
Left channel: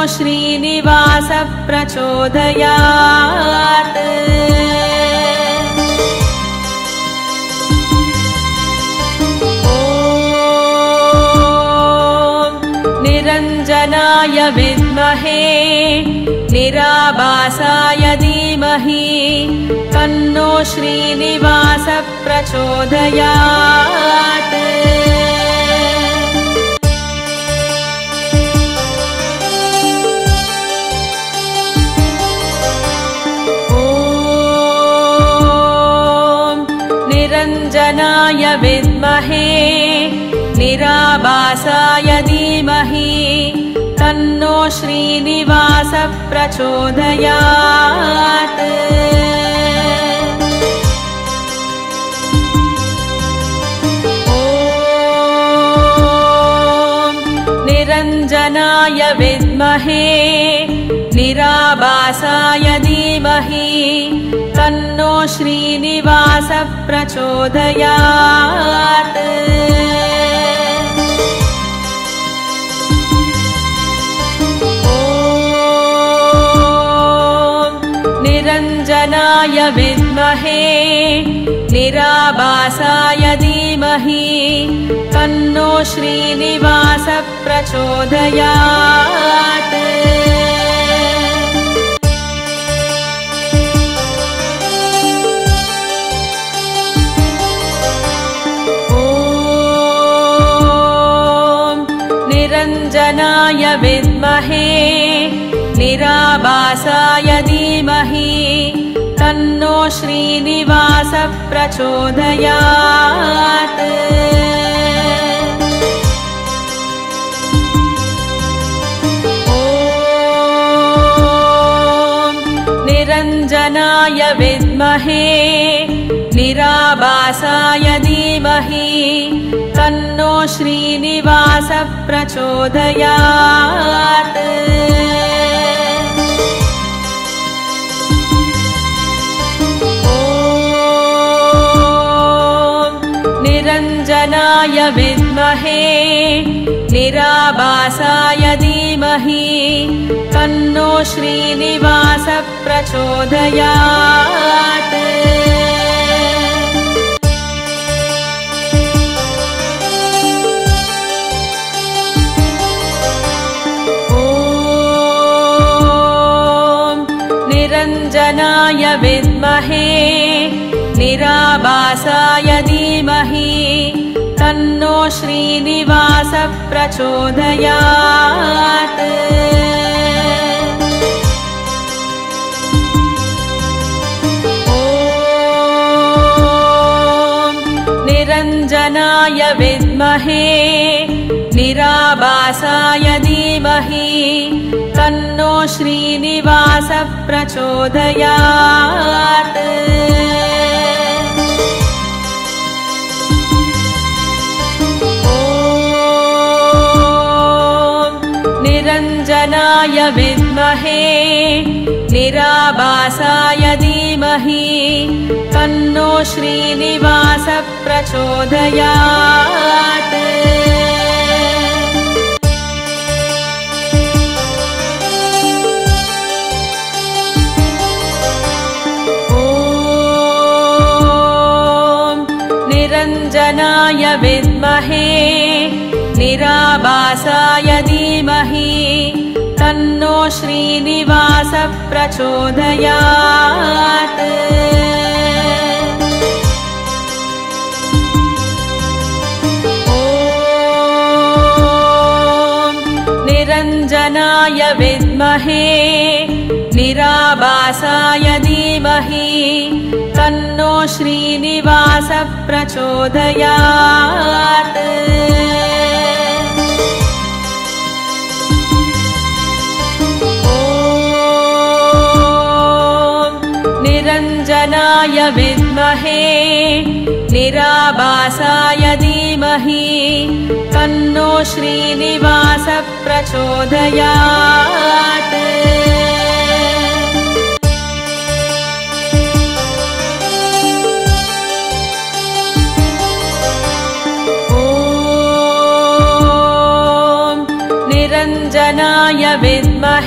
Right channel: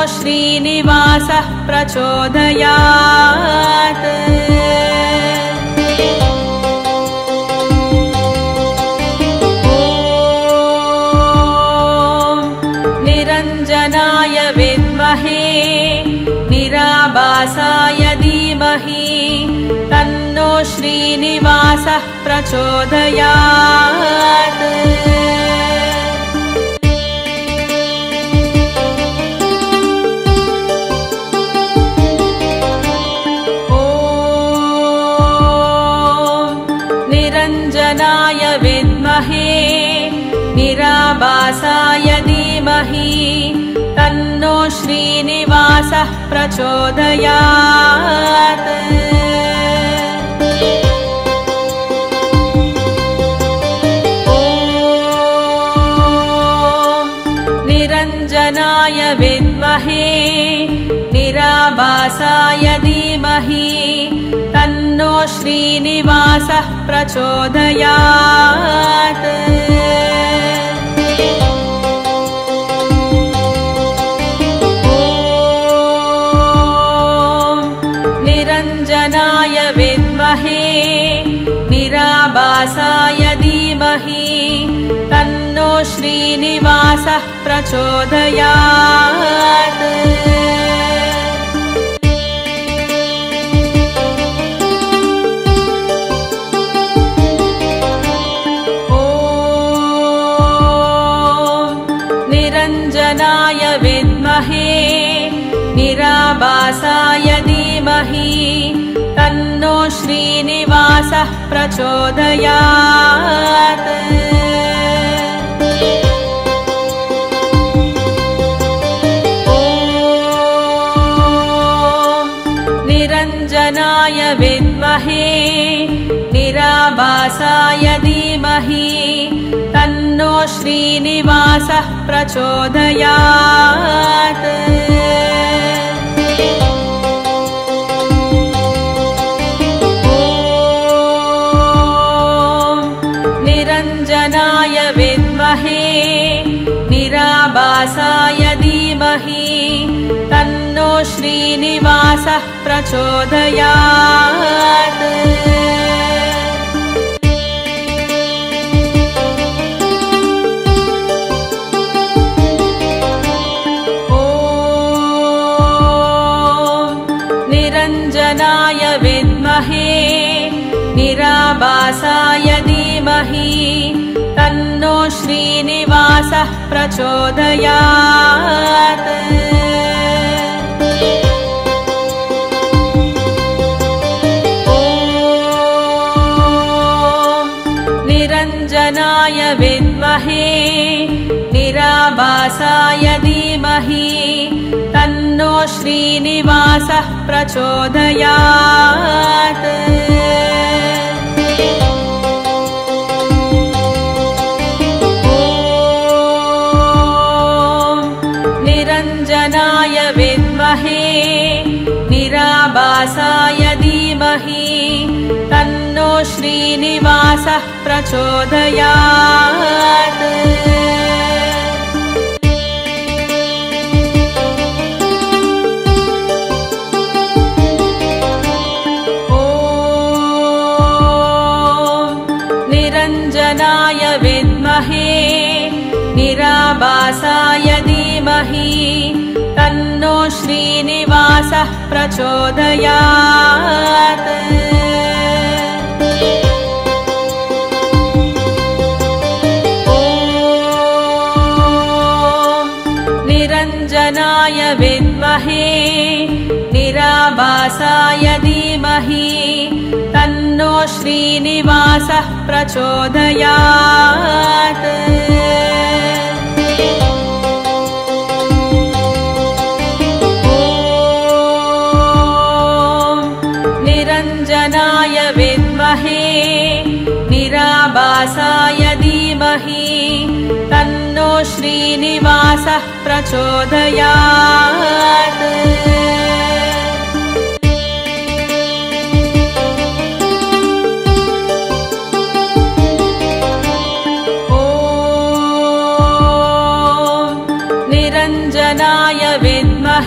श्रीनिवासः प्रचोदयात्। निरञ्जनाय विद्महे निराभासाय धीमहि तन्नो श्रीनिवासः प्रचोदयात्। निरञ्जनाय विद्महे निराभासाय धीमहि तन्नो श्रीनिवासः प्रचोदयात्। निरञ्जनाय विद्महे निराभासाय धीमहि तन्नो श्रीनिवासः प्रचोदयात्। निरञ्जनाय विद्महे निराभासाय धीमहि तन्नो श्रीनिवासः प्रचोदयात्। निरञ्जनाय विद्महे निराभासाय धीमहि तन्नो श्रीनिवासः प्रचोदयात्। निरञ्जनाय विद्महे निराभासाय धीमहि तन्नो श्रीनिवासः प्रचोदयात्। निरञ्जनाय विद्महे निराभासाय धीमहि तन्नो श्रीनिवासः प्रचोदयात्। निरञ्जनाय विद्महे निराभासाय धीमहि तन्नो श्रीनिवासः प्रचोदयात्। निरञ्जनाय विद्महे निराभासाय धीमहि तन्नो श्रीनिवासः प्रचोदयात्। निरञ्जनाय विद्महे निराभासाय धीमहि तन्नो श्रीनिवासः प्रचोदयात्। निरञ्जनाय विद्महे निराभासाय धीमहि तन्नो श्रीनिवासः प्रचोदयात्। निरञ्जनाय विद्महे निराभासाय धीमहि तन्नो श्रीनिवासः प्रचोदयात्। निरञ्जनाय विद्महे निराभासाय धीमहि तन्नो श्रीनिवासः प्रचोदयात्। निरञ्जनाय विद्महे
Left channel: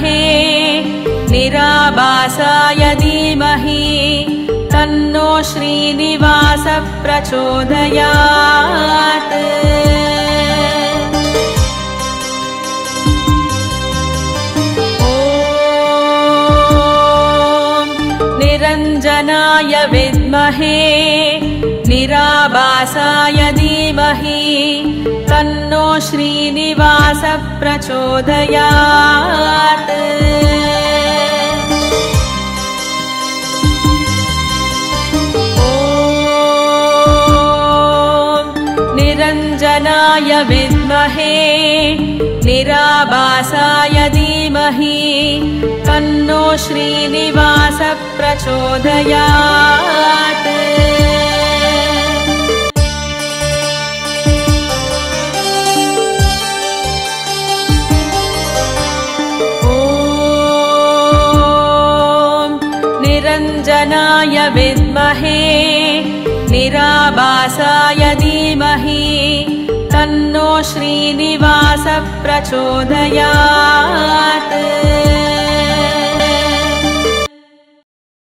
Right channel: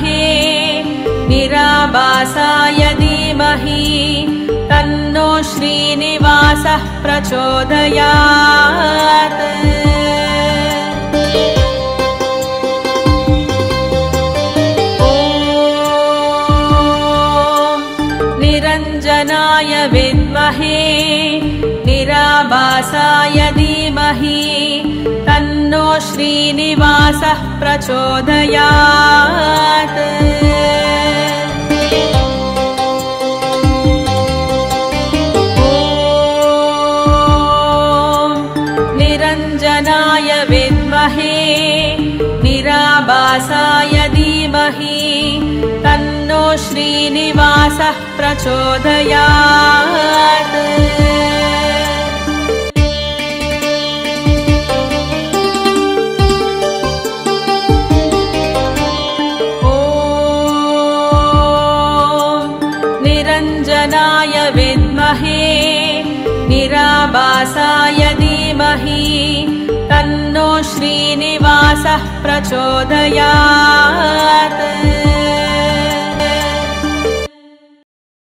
प्रचोदयात् ॐ निरञ्जनाय विद्महे निराभासाय धीमहि तन्नो श्रीनिवासः प्रचोदयात् विद्महे निराभासाय धीमहि तन्नो श्रीनिवासः प्रचोदयात् ॐ निरञ्जनाय विद्महे निराभासाय धीमहि तन्नो श्रीनिवासः प्रचोदयात्